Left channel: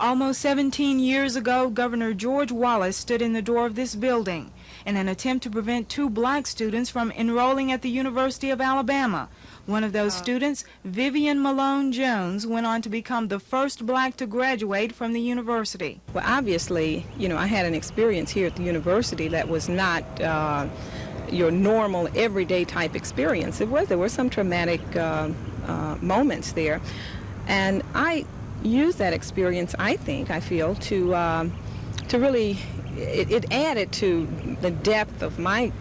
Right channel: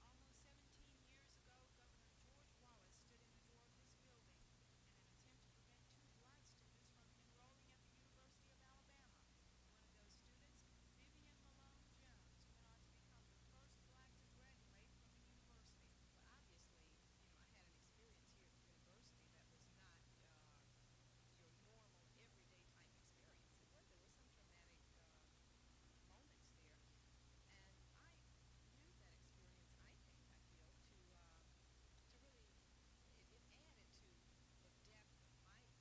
Almost 17 years ago, Governor George Wallace stood in the door of this building in an attempt to prevent 2 black students from enrolling at the University of Alabama. One of those students, Vivian Malone Jones, went on to become the first black to graduate from the university. Well, obviously, I had an experience here at the university that was not your normal, everyday type experience. There were some traumatic moments there. And I used that experience, I feel, to really, it added to the depth of my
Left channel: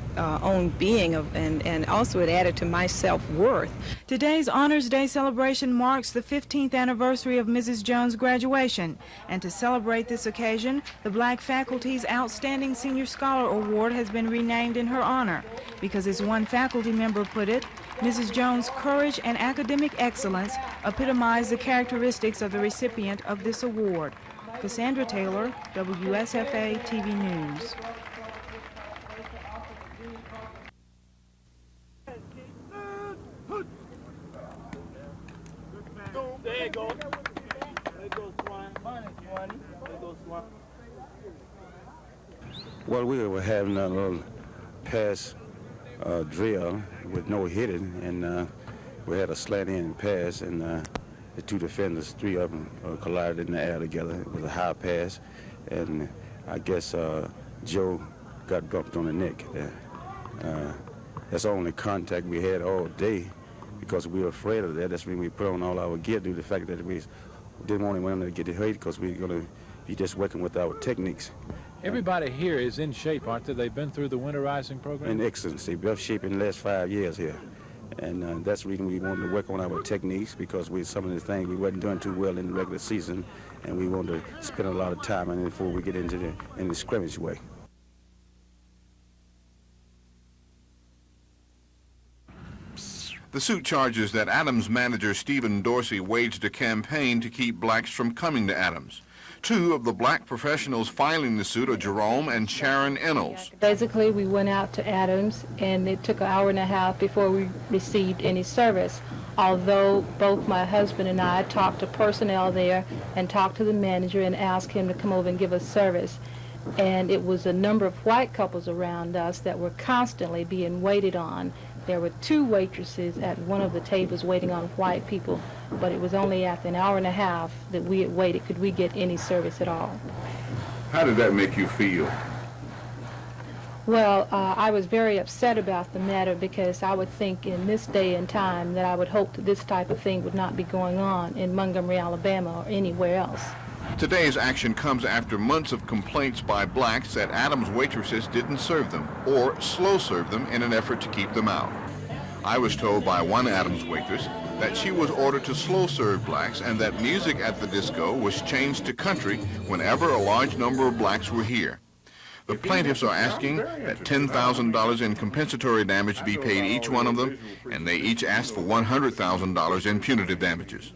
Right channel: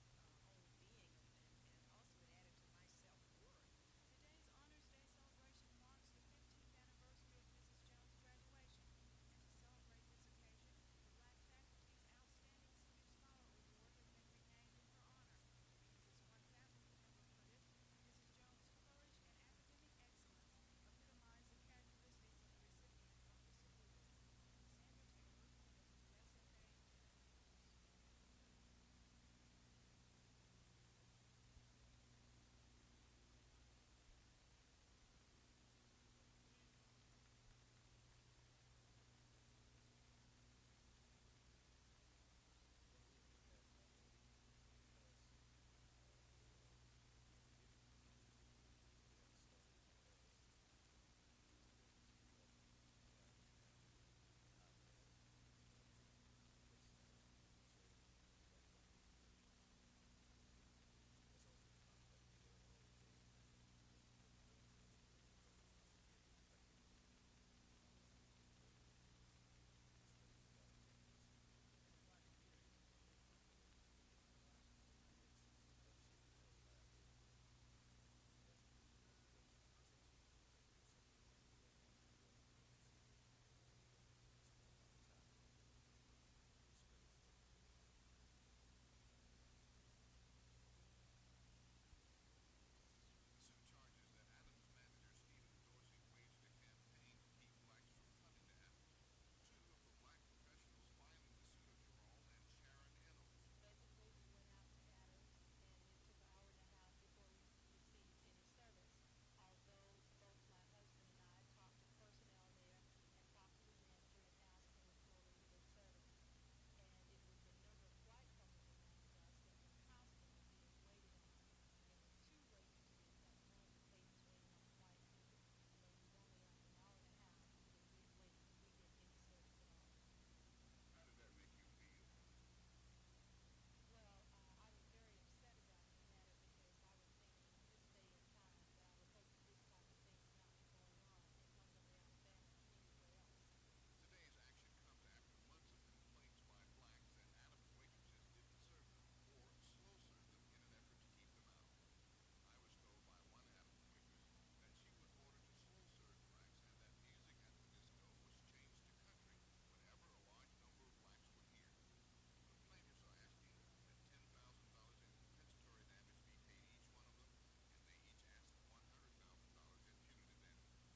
own being, and also it added to my self-worth. Today's Honors Day celebration marks the 15th anniversary of Mrs. Jones' graduation, and to celebrate this occasion, the Black Faculty's Outstanding Senior Scholar Award has been renamed in her honor, because as one faculty member put it, Mrs. Jones' courage and academic excellence epitomize the characteristics of the recipient of this award. Cassandra Taylor, WSFA TV News. There you go. There goes Swan. There goes Swan. Well, we were having a little pass drill with no hitting, and we had a slant-in pass, and the 2 defenders, 3 of them collided in the air together. It was a high pass, and I guess Joe got bumped on the neck there. That's the only contact we had all day, because we were afraid of that. That's when we put on all our gear, due to the fact that we didn't want anyone to get hurt, because we were going to be just working with our techniques. Everybody here is in shape, aren't they? They've been through the winterizing program? In excellence. They've been in shape in the last 5 years here. And that's the reason we wanted to work on our techniques, because some of the things we wasn't doing too well in the regular season, and we wanted to spend a lot of time on it before we get into the scrimmage way. The suit charges that Adams manager Stephen Dorsey waged a campaign to keep blacks from coming to Adams. 2 of the black professionals filing the suit are Jerome and Sharon Ennels. Basically, we went out to Adams, and it took an hour and a half before we received any service. Although both my husband and I talked to personnel there and talked to the manager and asked him to come over and give us service. And it was a number of white couples around us that were constantly being waited on. There were 2 waitresses at one of the tables waiting on white people, but it was only after an hour and a half that we had waited could we get any service at all. How did that make you feel? Well, I was very upset about the matter, because I would think in this day and time that I would hope that this type of thing would not be going on in Montgomery, Alabama, or anywhere else. Today's action comes after months of complaints by blacks that Adams waitresses didn't serve them or slow serve them in an effort to keep them out. I was told by one Adams waitress that she was ordered to slow serve blacks, and that music at the disco was changed to country whenever a large number of blacks were here. The plaintiffs are asking that $10,000 in compensatory damage be paid each one of them, and they each asked for $100,000 in punitive damages.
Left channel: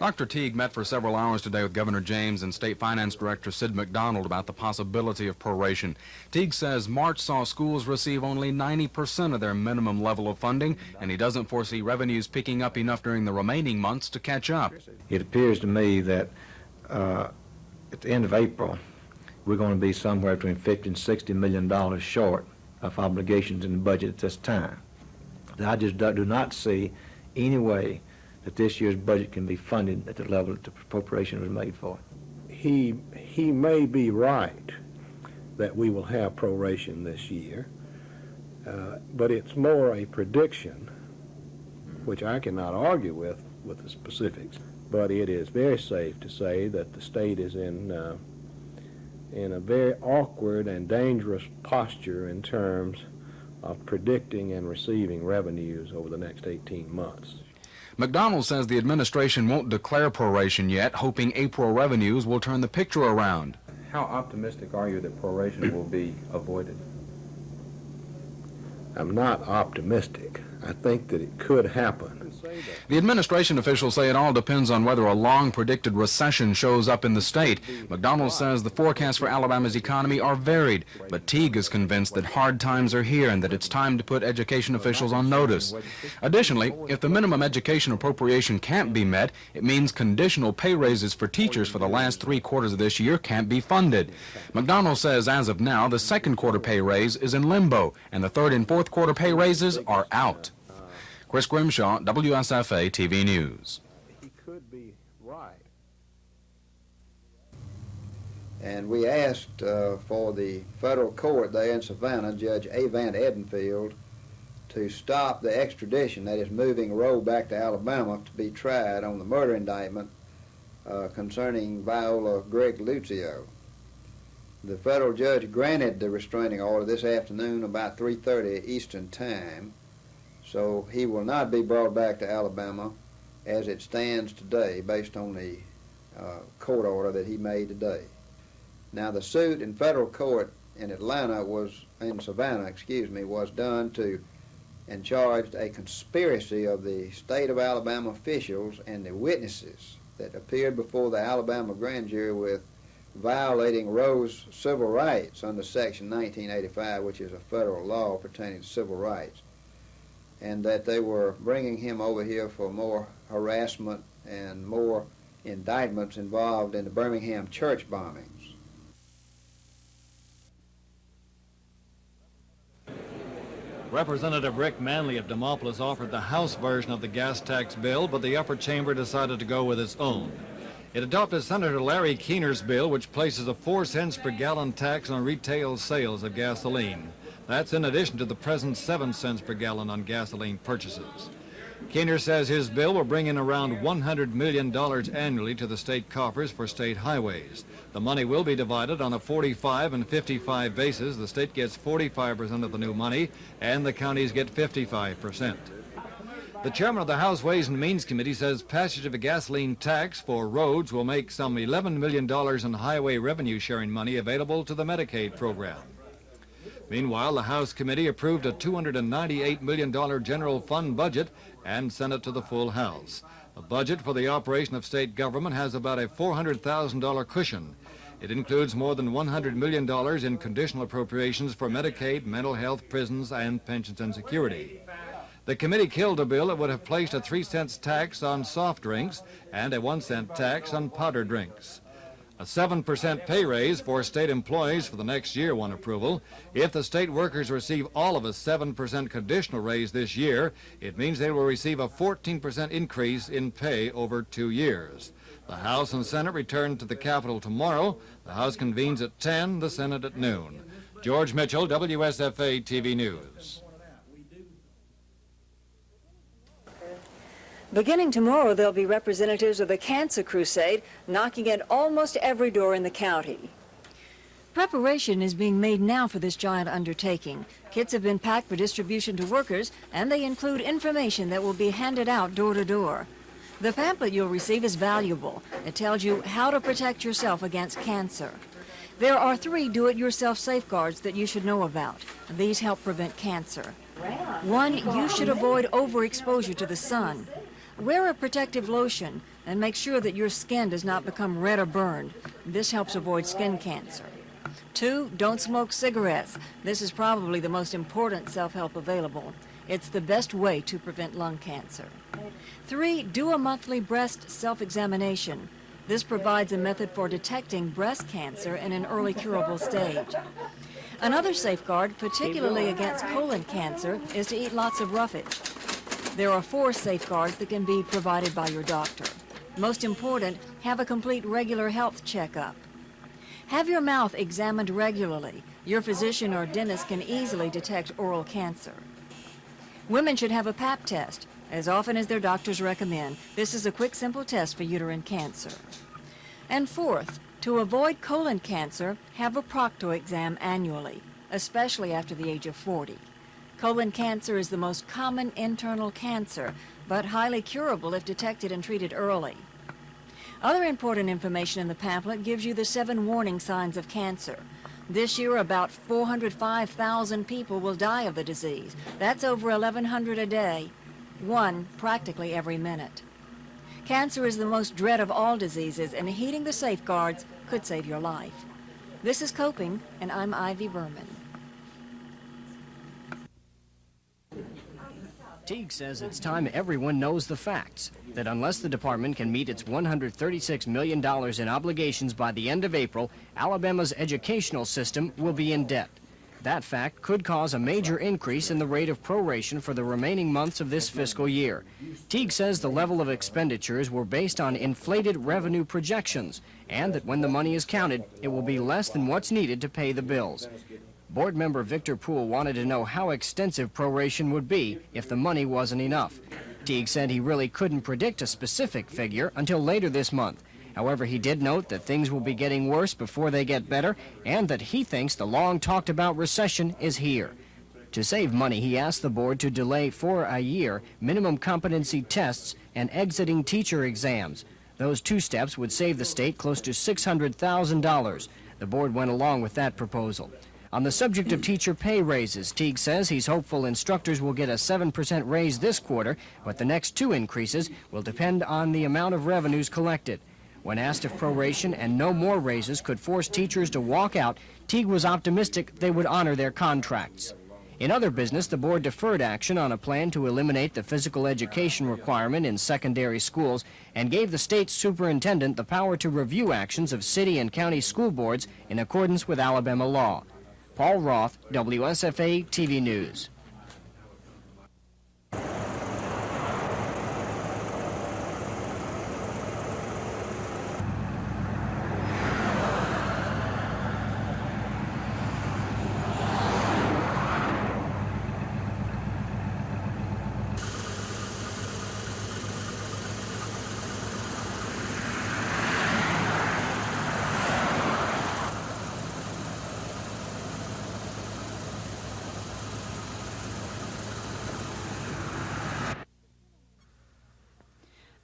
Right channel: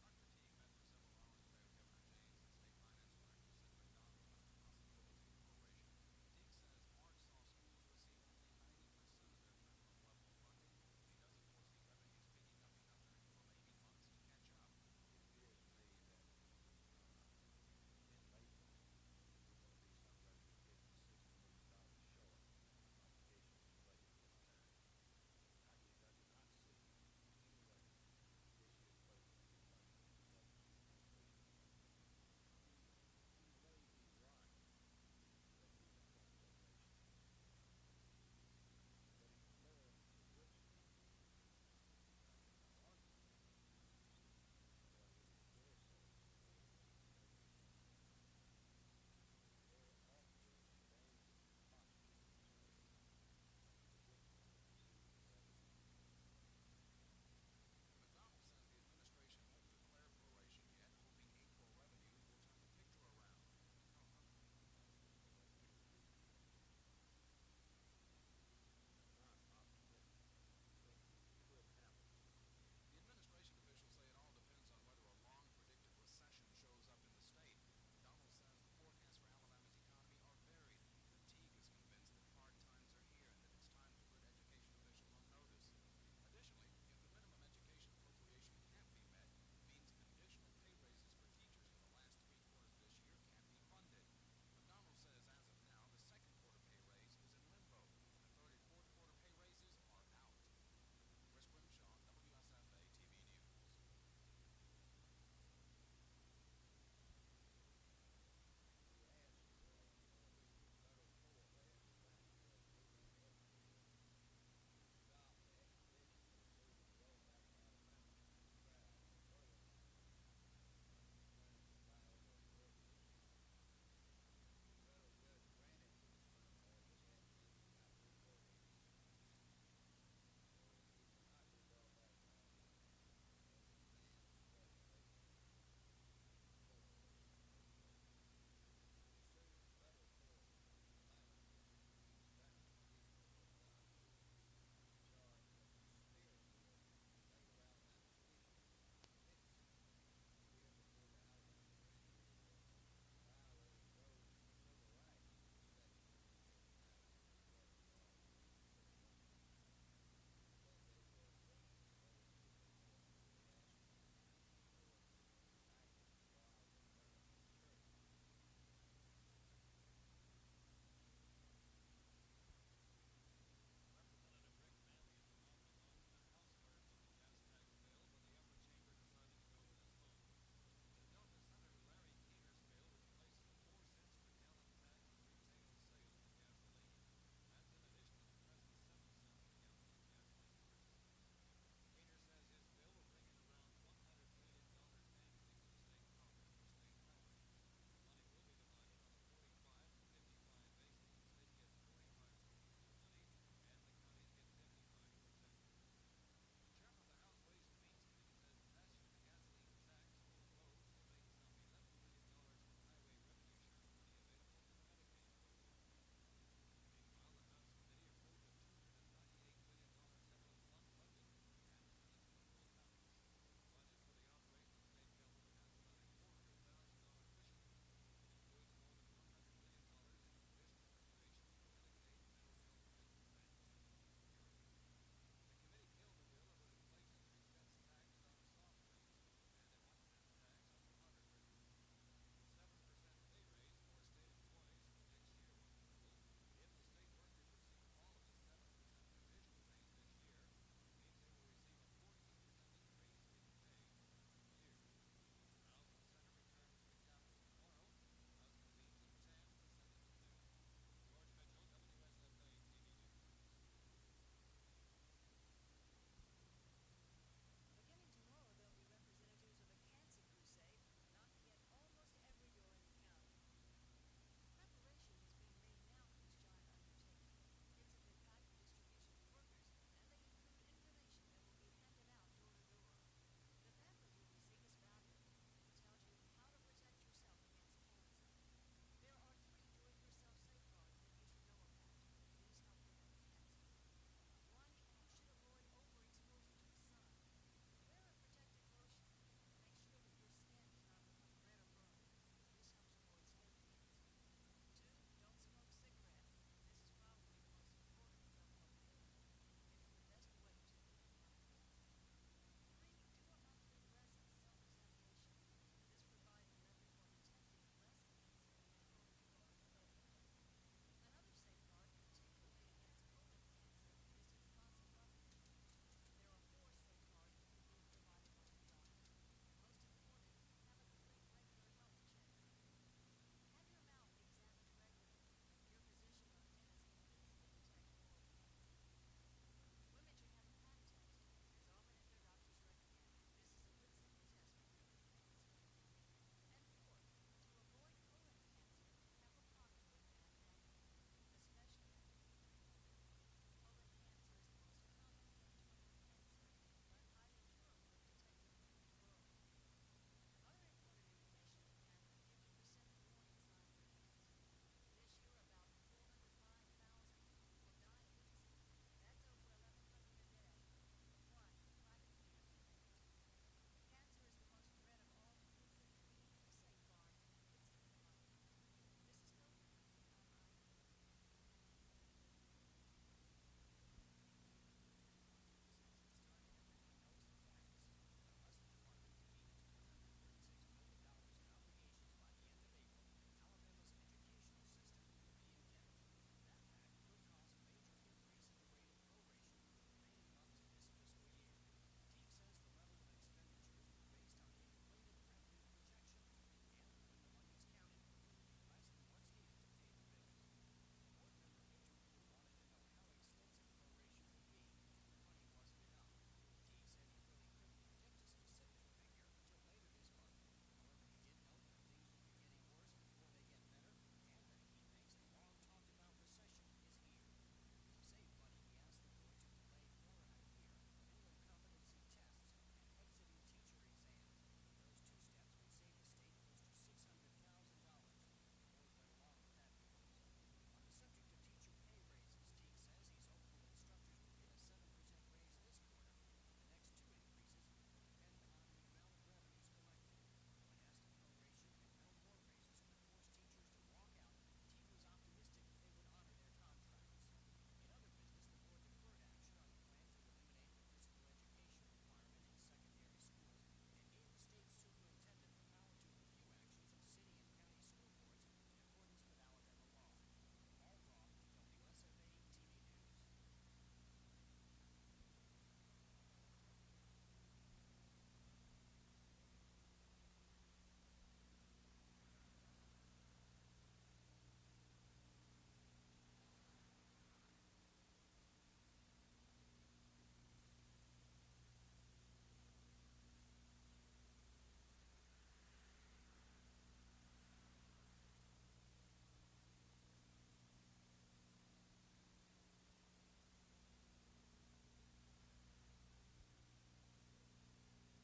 Dr. Teague met for several hours today with Governor James and State Finance Director Sid McDonald about the possibility of proration. Teague says March saw schools receive only 90% of their minimum level of funding, and he doesn't foresee revenues picking up enough during the remaining months to catch up. It appears to me that at the end of April, we're going to be somewhere between $50 and $60 million short of obligations in the budget at this time. I just do not see any way that this year's budget can be funded at the level that the appropriation was made for. He may be right that we will have proration this year, but it's more a prediction, which I cannot argue with the specifics. But it is very safe to say that the state is in a very awkward and dangerous posture in terms of predicting and receiving revenues over the next 18 months. McDonald says the administration won't declare proration yet, hoping April revenues will turn the picture around. How optimistic are you that proration will be avoided? I'm not optimistic. I think that it could happen. The administration officials say it all depends on whether a long-predicted recession shows up in the state. McDonald says the forecasts for Alabama's economy are varied, but Teague is convinced that hard times are here and that it's time to put education officials on notice. Additionally, if the minimum education appropriation can't be met, it means conditional pay raises for teachers for the last 3 quarters of this year can't be funded. McDonald says as of now, the second quarter pay raise is in limbo, and the third and fourth quarter pay raises are out. Chris Grimshaw, WSFA TV News. He could be right. And we asked for the federal court there in Savannah, Judge A. Van Edenfield, to stop the extradition, that is moving Roe back to Alabama to be tried on the murder indictment concerning Viola Gregg Lucio. The federal judge granted the restraining order this afternoon about 3:30 Eastern Time, so he will not be brought back to Alabama as it stands today based on the court order that he made today. Now the suit in federal court in Savannah, was done to and charged a conspiracy of the state of Alabama officials and the witnesses that appeared before the Alabama grand jury with violating Roe's civil rights under Section 1985, which is a federal law pertaining to civil rights, and that they were bringing him over here for more harassment and more indictments involved in the Birmingham church bombings. Representative Rick Manley of Demopolis offered the House version of the gas tax bill, but the upper chamber decided to go with its own. It adopted Senator Larry Keener's bill, which places a 4 cents per gallon tax on retail sales of gasoline. That's in addition to the present 7 cents per gallon on gasoline purchases. Keener says his bill will bring in around $100 million annually to the state coffers for state highways. The money will be divided on a 45 and 55 basis. The state gets 45% of the new money, and the counties get 55%. The chairman of the House Ways and Means Committee says passage of a gasoline tax for roads will make some $11 million in highway revenue sharing money available to the Medicaid program. Meanwhile, the House committee approved a $298 million general fund budget and sent it to the full House. The budget for the operation of state government has about a $400,000 cushion. It includes more than $100 million in conditional appropriations for Medicaid, mental health, prisons, and pensions and security. The committee killed a bill that would have placed a 3 cents tax on soft drinks and a 1 cent tax on powdered drinks. A 7% pay raise for state employees for the next year won approval. If the state workers receive all of a 7% conditional raise this year, it means they will receive a 14% increase in pay over 2 years. The House and Senate return to the Capitol tomorrow. The House convenes at 10, the Senate at noon. George Mitchell, WSFA TV News. Beginning tomorrow, there'll be representatives of the Cancer Crusade knocking at almost every door in the county. Preparation is being made now for this giant undertaking. Kits have been packed for distribution to workers, and they include information that will be handed out door to door. The pamphlet you'll receive is valuable. It tells you how to protect yourself against cancer. There are 3 do-it-yourself safeguards that you should know about. These help prevent cancer. 1, you should avoid overexposure to the sun. Wear a protective lotion and make sure that your skin does not become red or burned. This helps avoid skin cancer. 2, don't smoke cigarettes. This is probably the most important self-help available. It's the best way to prevent lung cancer. 3, do a monthly breast self-examination. This provides a method for detecting breast cancer in an early curable stage. Another safeguard, particularly against colon cancer, is to eat lots of roughage. There are 4 safeguards that can be provided by your doctor. Most important, have a complete regular health checkup. Have your mouth examined regularly. Your physician or dentist can easily detect oral cancer. Women should have a Pap test as often as their doctors recommend. This is a quick, simple test for uterine cancer. And 4th, to avoid colon cancer, have a procto exam annually, especially after the age of 40. Colon cancer is the most common internal cancer, but highly curable if detected and treated early. Other important information in the pamphlet gives you the 7 warning signs of cancer. This year, about 405,000 people will die of the disease. That's over 1,100 a day. one practically every minute. Cancer is the most dread of all diseases, and heeding the safeguards could save your life. This is Coping, and I'm Ivy Berman. Teague says it's time everyone knows the facts, that unless the department can meet its $136 million in obligations by the end of April, Alabama's educational system will be in debt. That fact could cause a major increase in the rate of proration for the remaining months of this fiscal year. Teague says the level of expenditures were based on inflated revenue projections, and that when the money is counted, it will be less than what's needed to pay the bills. Board member Victor Poole wanted to know how extensive proration would be if the money wasn't enough. Teague said he really couldn't predict a specific figure until later this month. However, he did note that things will be getting worse before they get better, and that he thinks the long-talked-about recession is here. To save money, he asked the board to delay for a year minimum competency tests and exiting teacher exams. Those two steps would save the state close to $600,000. The board went along with that proposal. On the subject of teacher pay raises, Teague says he's hopeful instructors will get a 7% raise this quarter, but the next two increases will depend on the amount of revenues collected. When asked if proration and no more raises could force teachers to walk out, Teague was optimistic they would honor their contracts. In other business, the board deferred action on a plan to eliminate the physical education requirement in secondary schools and gave the state superintendent the power to review actions of city and county school boards in accordance with Alabama law. Paul Roth, WSFA TV News.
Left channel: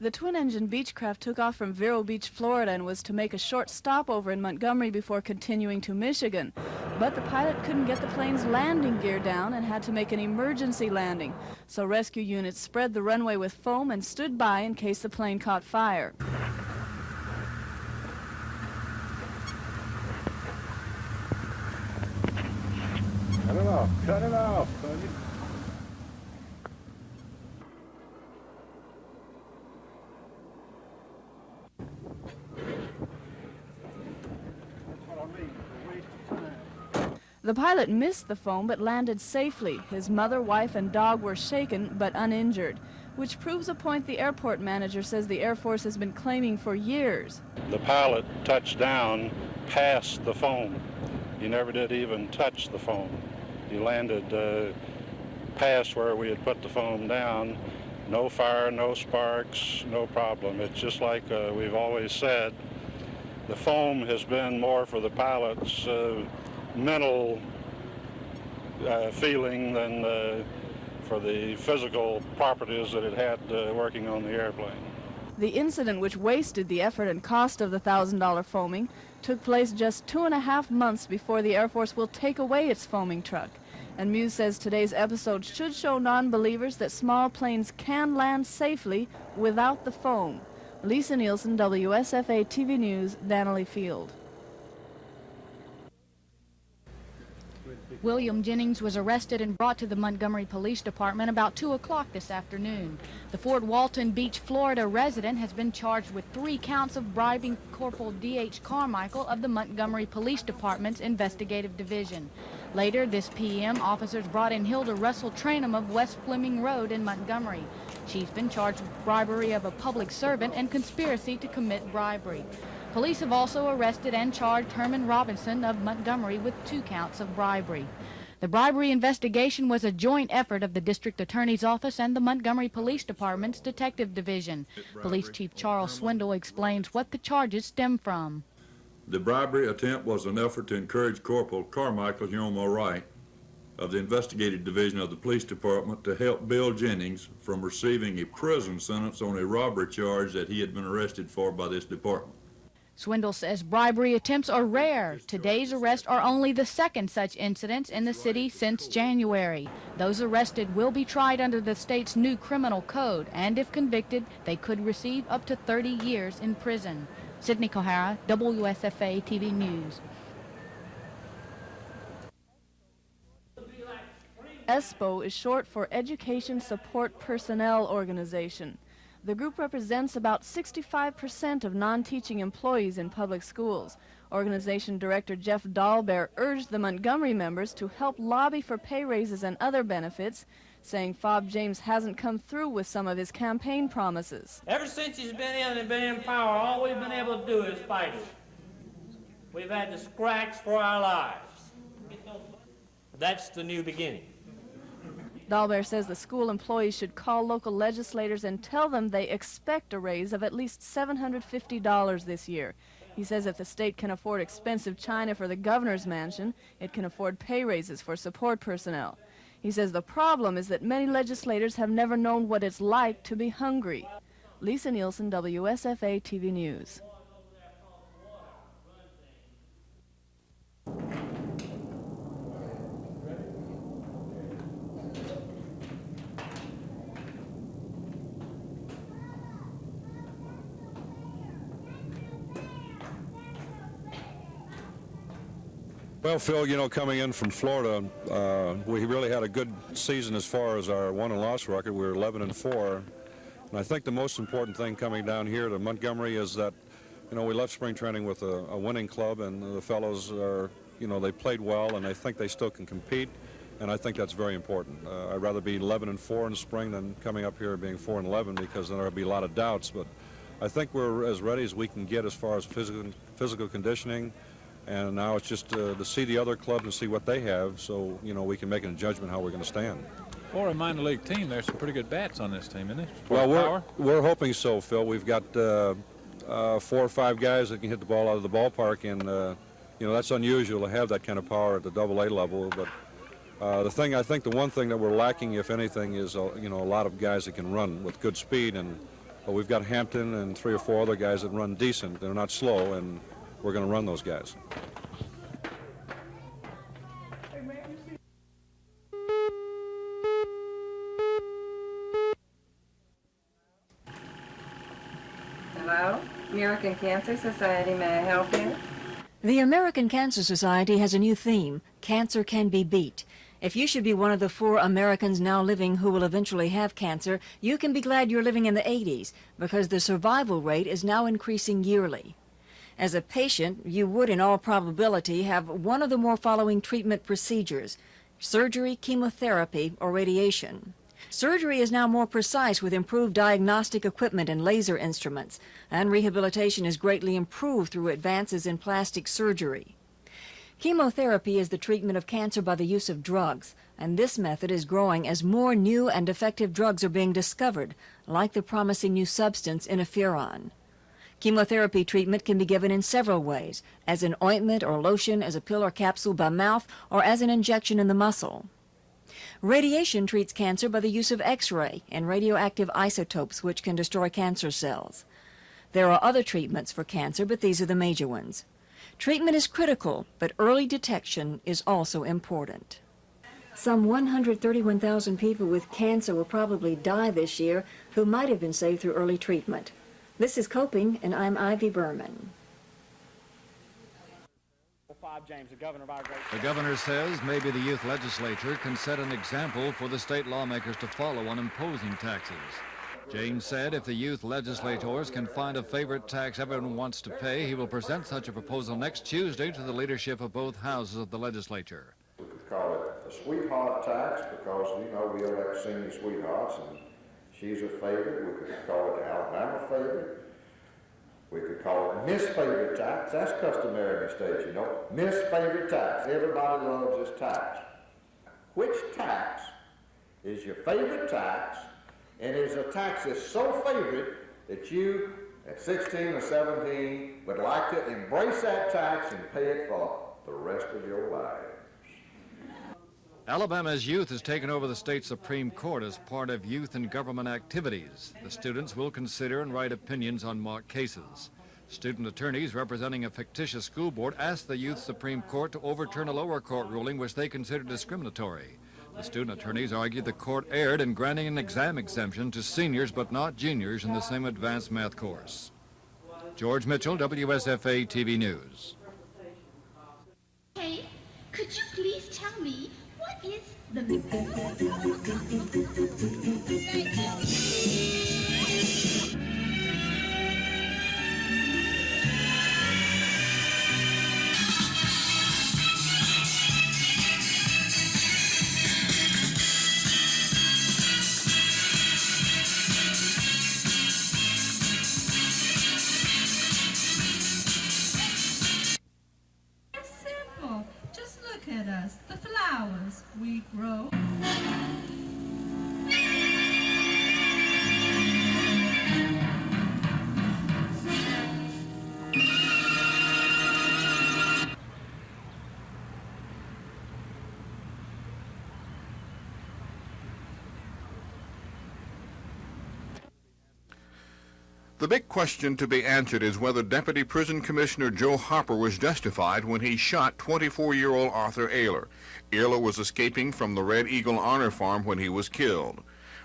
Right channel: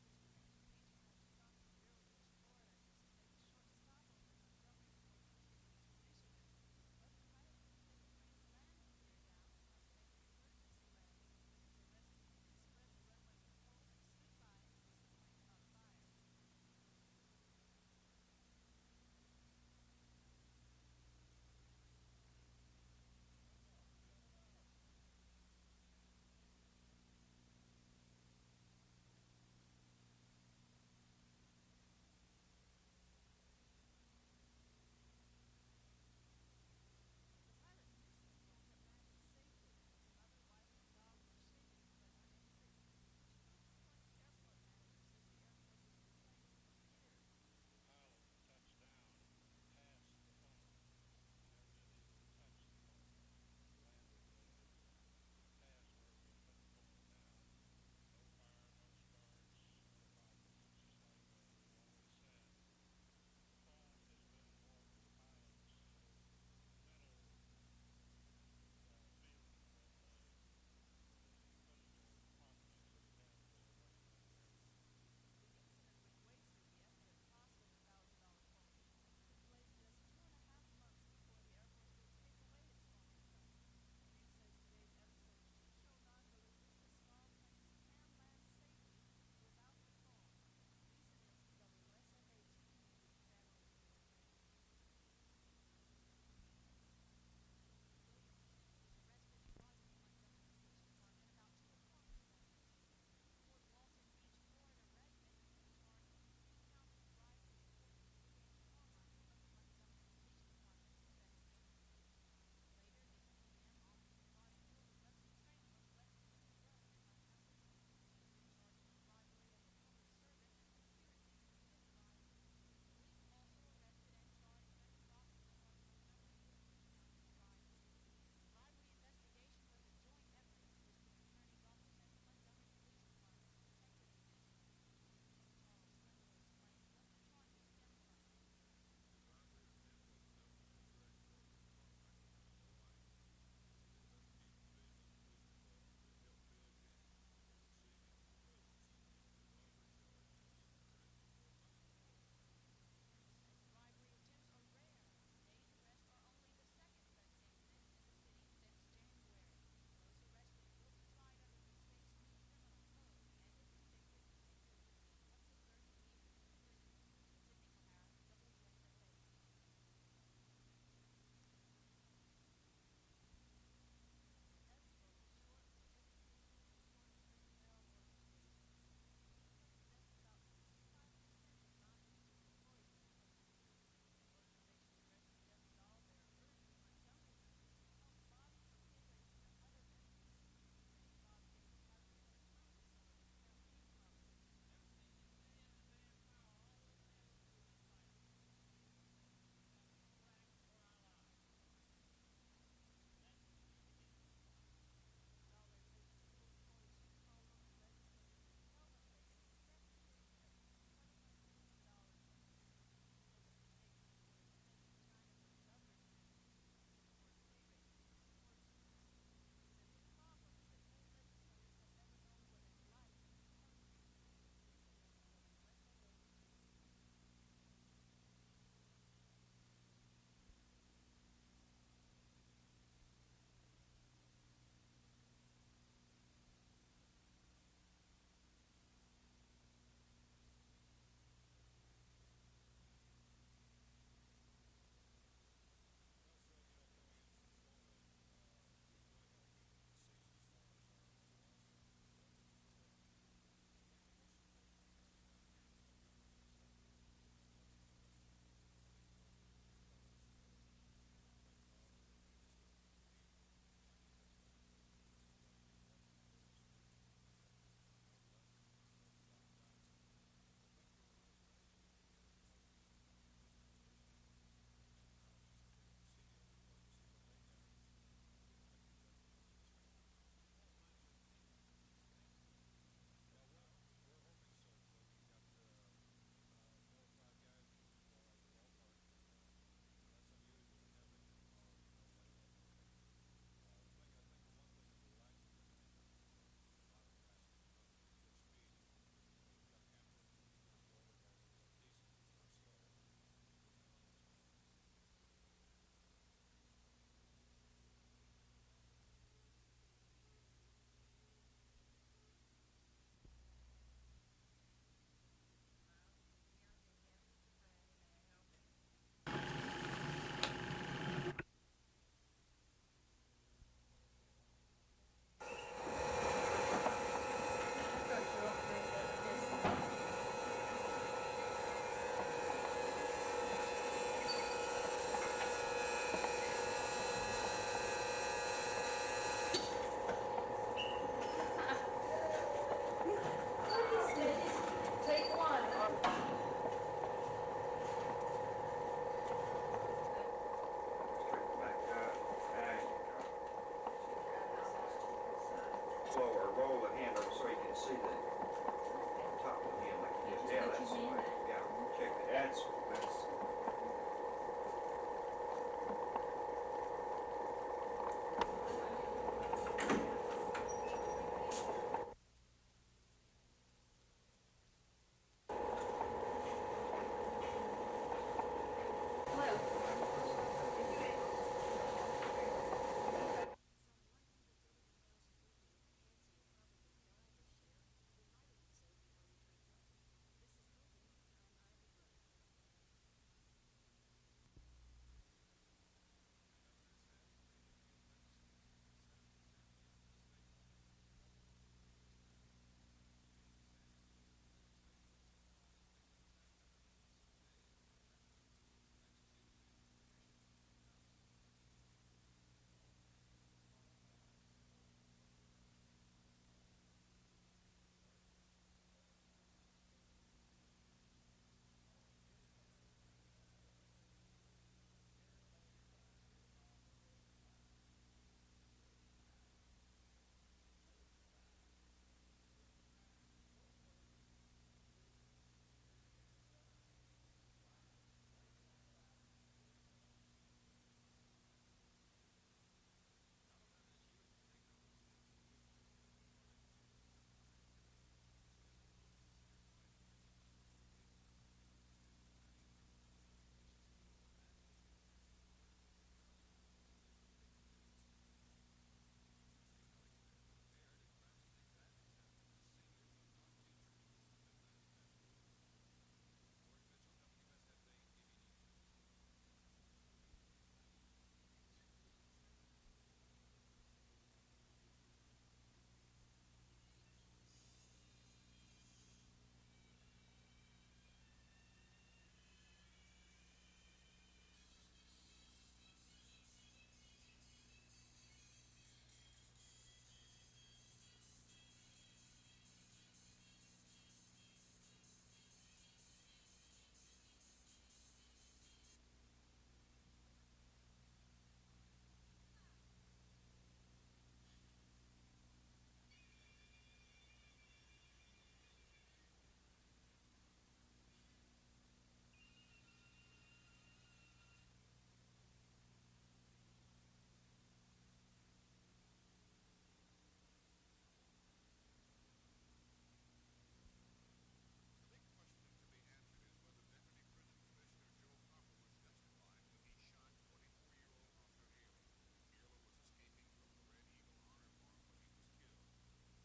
The twin-engine Beechcraft took off from Vero Beach, Florida, and was to make a short stopover in Montgomery before continuing to Michigan. But the pilot couldn't get the plane's landing gear down and had to make an emergency landing. So rescue units spread the runway with foam and stood by in case the plane caught fire. Cut it off. Cut it off, buddy. The pilot missed the foam but landed safely. His mother, wife, and dog were shaken but uninjured, which proves a point the airport manager says the Air Force has been claiming for years. The pilot touched down past the foam. He never did even touch the foam. He landed past where we had put the foam down. No fire, no sparks, no problem. It's just like we've always said, the foam has been more for the pilot's mental feeling than for the physical properties that it had working on the airplane. The incident, which wasted the effort and cost of the $1,000 foaming, took place just 2.5 months before the Air Force will take away its foaming truck. And Muse says today's episode should show non-believers that small planes can land safely without the foam. Lisa Nielsen, WSFA TV News, Dannelly Field. William Jennings was arrested and brought to the Montgomery Police Department about 2 o'clock this afternoon. The Fort Walton Beach, Florida resident has been charged with 3 counts of bribing Corporal D.H. Carmichael of the Montgomery Police Department's Investigative Division. Later this p.m., officers brought in Hilda Russell Trainum of West Fleming Road in Montgomery. She's been charged with bribery of a public servant and conspiracy to commit bribery. Police have also arrested and charged Herman Robinson of Montgomery with 2 counts of bribery. The bribery investigation was a joint effort of the District Attorney's Office and the Montgomery Police Department's Detective Division. Police Chief Charles Swindle explains what the charges stem from. The bribery attempt was an effort to encourage Corporal Carmichael Wright of the Investigative Division of the Police Department to help Bill Jennings from receiving a prison sentence on a robbery charge that he had been arrested for by this department. Swindle says bribery attempts are rare. Today's arrests are only the second such incidents in the city since January. Those arrested will be tried under the state's new criminal code, and if convicted, they could receive up to 30 years in prison. Sydney Kohara, WSFA TV News. ESPO is short for Education Support Personnel Organization. The group represents about 65% of non-teaching employees in public schools. Organization Director Jeff Dahlbehr urged the Montgomery members to help lobby for pay raises and other benefits, saying Fob James hasn't come through with some of his campaign promises. Ever since he's been in and been in power, all we've been able to do is fight him. We've had to scratch for our lives. That's the new beginning. Dahlbehr says the school employees should call local legislators and tell them they expect a raise of at least $750 this year. He says if the state can afford expensive china for the governor's mansion, it can afford pay raises for support personnel. He says the problem is that many legislators have never known what it's like to be hungry. Lisa Nielsen, WSFA TV News. Well, Phil, you know, coming in from Florida, we really had a good season as far as our won and loss record. We were 11-4, and I think the most important thing coming down here to Montgomery is that, you know, we left spring training with a winning club, and the fellows are, you know, they played well, and I think they still can compete, and I think that's very important. I'd rather be 11-4 in the spring than coming up here being 4-11, because then there'll be a lot of doubts. But I think we're as ready as we can get as far as physical conditioning. And now it's just to see the other clubs and see what they have, so, you know, we can make a judgment how we're going to stand. For a minor league team, there's some pretty good bats on this team, isn't there? Well, we're hoping so, Phil. We've got 4 or 5 guys that can hit the ball out of the ballpark, and, you know, that's unusual to have that kind of power at the AA level. But I think the one thing that we're lacking, if anything, is, you know, a lot of guys that can run with good speed. And we've got Hampton and 3 or 4 other guys that run decent. They're not slow, and we're going to run those guys. Hello, American Cancer Society, may I help you? The American Cancer Society has a new theme, Cancer Can Be Beat. If you should be one of the 4 Americans now living who will eventually have cancer, you can be glad you're living in the 80s, because the survival rate is now increasing yearly. As a patient, you would in all probability have one of the more following treatment procedures: surgery, chemotherapy, or radiation. Surgery is now more precise with improved diagnostic equipment and laser instruments, and rehabilitation is greatly improved through advances in plastic surgery. Chemotherapy is the treatment of cancer by the use of drugs, and this method is growing as more new and effective drugs are being discovered, like the promising new substance interferon. Chemotherapy treatment can be given in several ways, as an ointment or lotion, as a pill or capsule by mouth, or as an injection in the muscle. Radiation treats cancer by the use of X-ray and radioactive isotopes, which can destroy cancer cells. There are other treatments for cancer, but these are the major ones. Treatment is critical, but early detection is also important. Some 131,000 people with cancer will probably die this year who might have been saved through early treatment. This is Coping, and I'm Ivy Berman. The governor says maybe the youth legislature can set an example for the state lawmakers to follow on imposing taxes. James said if the youth legislators can find a favorite tax everyone wants to pay, he will present such a proposal next Tuesday to the leadership of both houses of the legislature. We could call it a sweetheart tax because, you know, we elect senior sweethearts and she's a favorite. We could call it the Alabama favorite. We could call it Miss Favorite Tax. That's customary in the state, you know. Miss Favorite Tax. Everybody loves this tax. Which tax is your favorite tax, and is a tax that's so favorite that you, at 16 or 17, would like to embrace that tax and pay it for the rest of your life? Alabama's youth has taken over the state Supreme Court as part of youth and government activities. The students will consider and write opinions on mock cases. Student attorneys representing a fictitious school board asked the Youth Supreme Court to overturn a lower court ruling which they considered discriminatory. The student attorneys argued the court erred in granting an exam exemption to seniors but not juniors in the same advanced math course. George Mitchell, WSFA TV News. Hey, could you please tell me what is the... Simple. Just look at us, the flowers we grow. The big question to be answered is whether Deputy Prison Commissioner Joe Hopper was justified when he shot 24-year-old Arthur Ayler. Ayler was escaping from the Red Eagle Honor Farm when he was killed.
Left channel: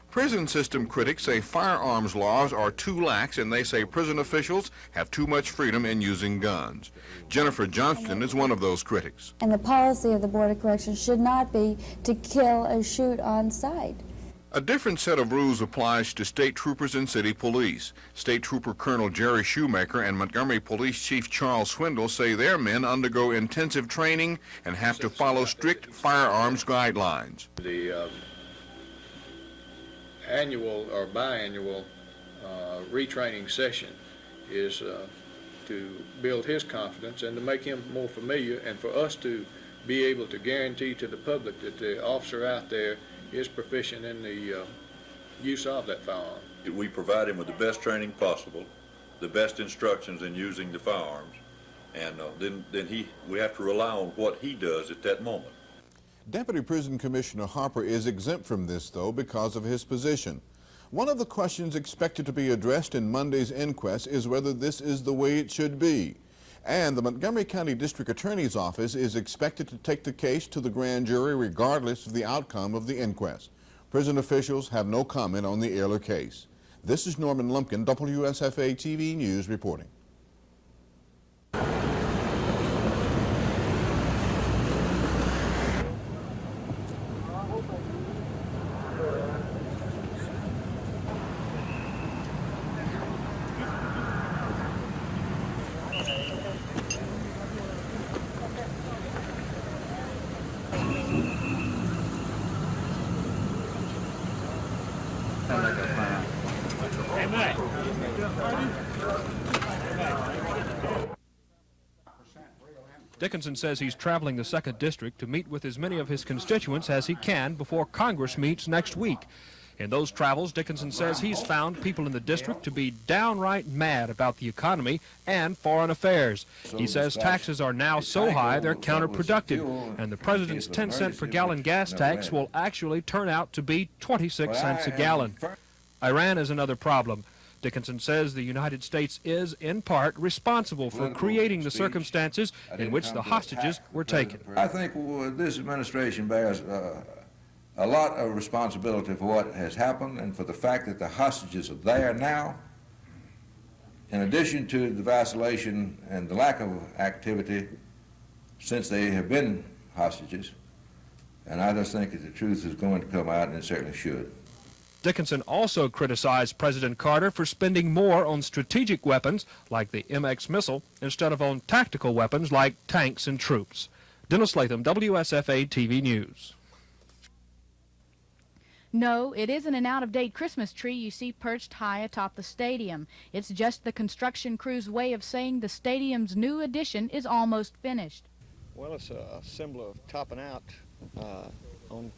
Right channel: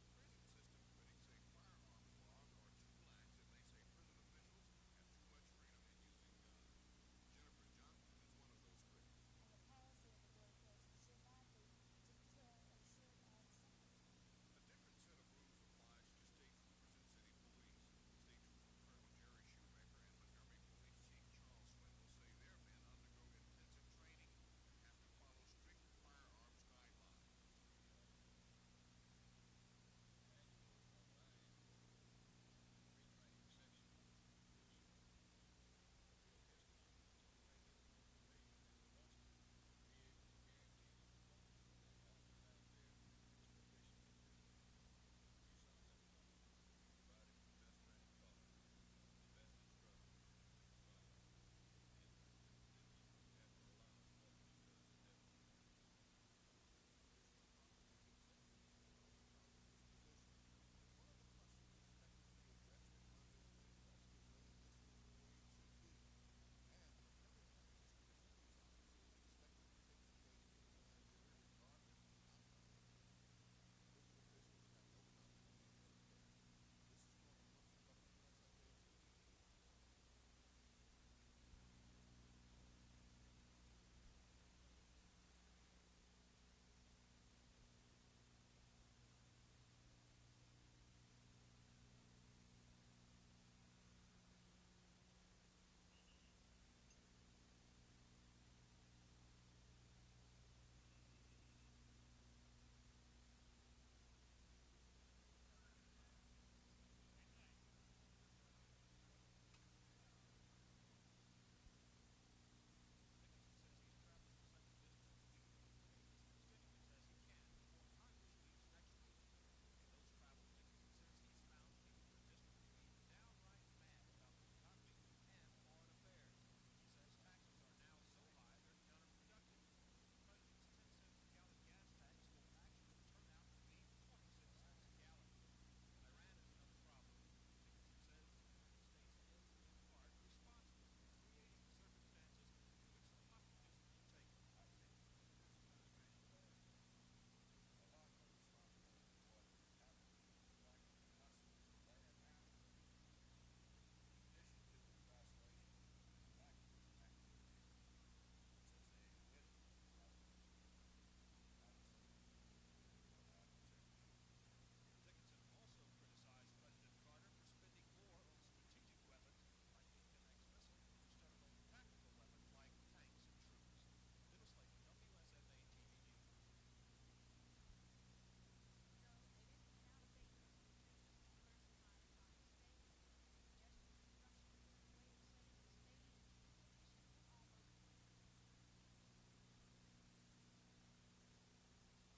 Prison system critics say firearms laws are too lax, and they say prison officials have too much freedom in using guns. Jennifer Johnston is one of those critics. And the policy of the Board of Corrections should not be to kill or shoot on sight. A different set of rules applies to state troopers and city police. State Trooper Colonel Jerry Shoemaker and Montgomery Police Chief Charles Swindle say their men undergo intensive training and have to follow strict firearms guidelines. The annual or biannual retraining session is to build his confidence and to make him more familiar, and for us to be able to guarantee to the public that the officer out there is proficient in the use of that firearm. We provide him with the best training possible, the best instructions in using the firearms, and then we have to rely on what he does at that moment. Deputy Prison Commissioner Harper is exempt from this, though, because of his position. One of the questions expected to be addressed in Monday's inquest is whether this is the way it should be. And the Montgomery County District Attorney's Office is expected to take the case to the grand jury regardless of the outcome of the inquest. Prison officials have no comment on the Ayler case. This is Norman Lumpkin, WSFA TV News reporting. Dickinson says he's traveling the 2nd District to meet with as many of his constituents as he can before Congress meets next week. In those travels, Dickinson says he's found people in the district to be downright mad about the economy and foreign affairs. He says taxes are now so high they're counterproductive, and the president's 10-cent per gallon gas tax will actually turn out to be 26 cents a gallon. Iran is another problem. Dickinson says the United States is, in part, responsible for creating the circumstances in which the hostages were taken. I think this administration bears a lot of responsibility for what has happened and for the fact that the hostages are there now. In addition to the vacillation and the lack of activity since they have been hostages, and I just think that the truth is going to come out, and it certainly should. Dickinson also criticized President Carter for spending more on strategic weapons like the MX missile instead of on tactical weapons like tanks and troops. Dennis Latham, WSFA TV News. No, it isn't an out-of-date Christmas tree you see perched high atop the stadium. It's just the construction crew's way of saying the stadium's new addition is almost finished. Well, it's a symbol of topping out on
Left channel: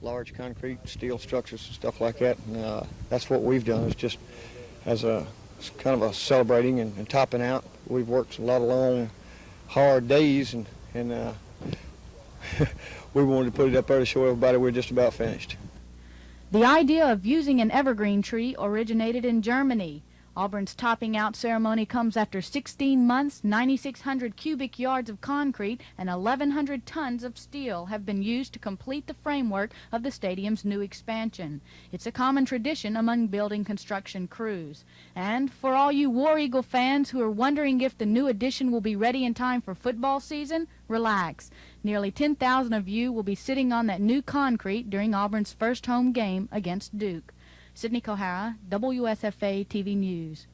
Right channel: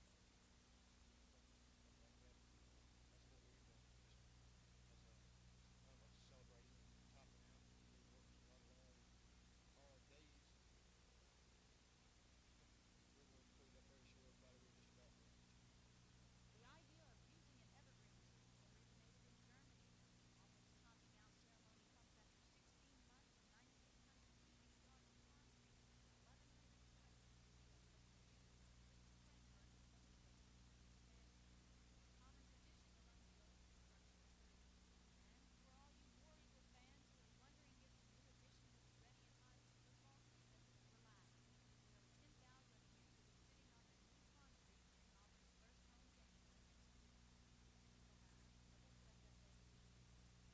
large concrete, steel structures, stuff like that. And that's what we've done, is just as a kind of a celebrating and topping out. We've worked a lot of long, hard days, and we wanted to put it up there to show everybody we're just about finished. The idea of using an evergreen tree originated in Germany. Auburn's topping out ceremony comes after 16 months, 9,600 cubic yards of concrete, and 1,100 tons of steel have been used to complete the framework of the stadium's new expansion. It's a common tradition among building construction crews. And for all you War Eagle fans who are wondering if the new addition will be ready in time for football season, relax. Nearly 10,000 of you will be sitting on that new concrete during Auburn's first home game against Duke. Sydney Kohara, WSFA TV News.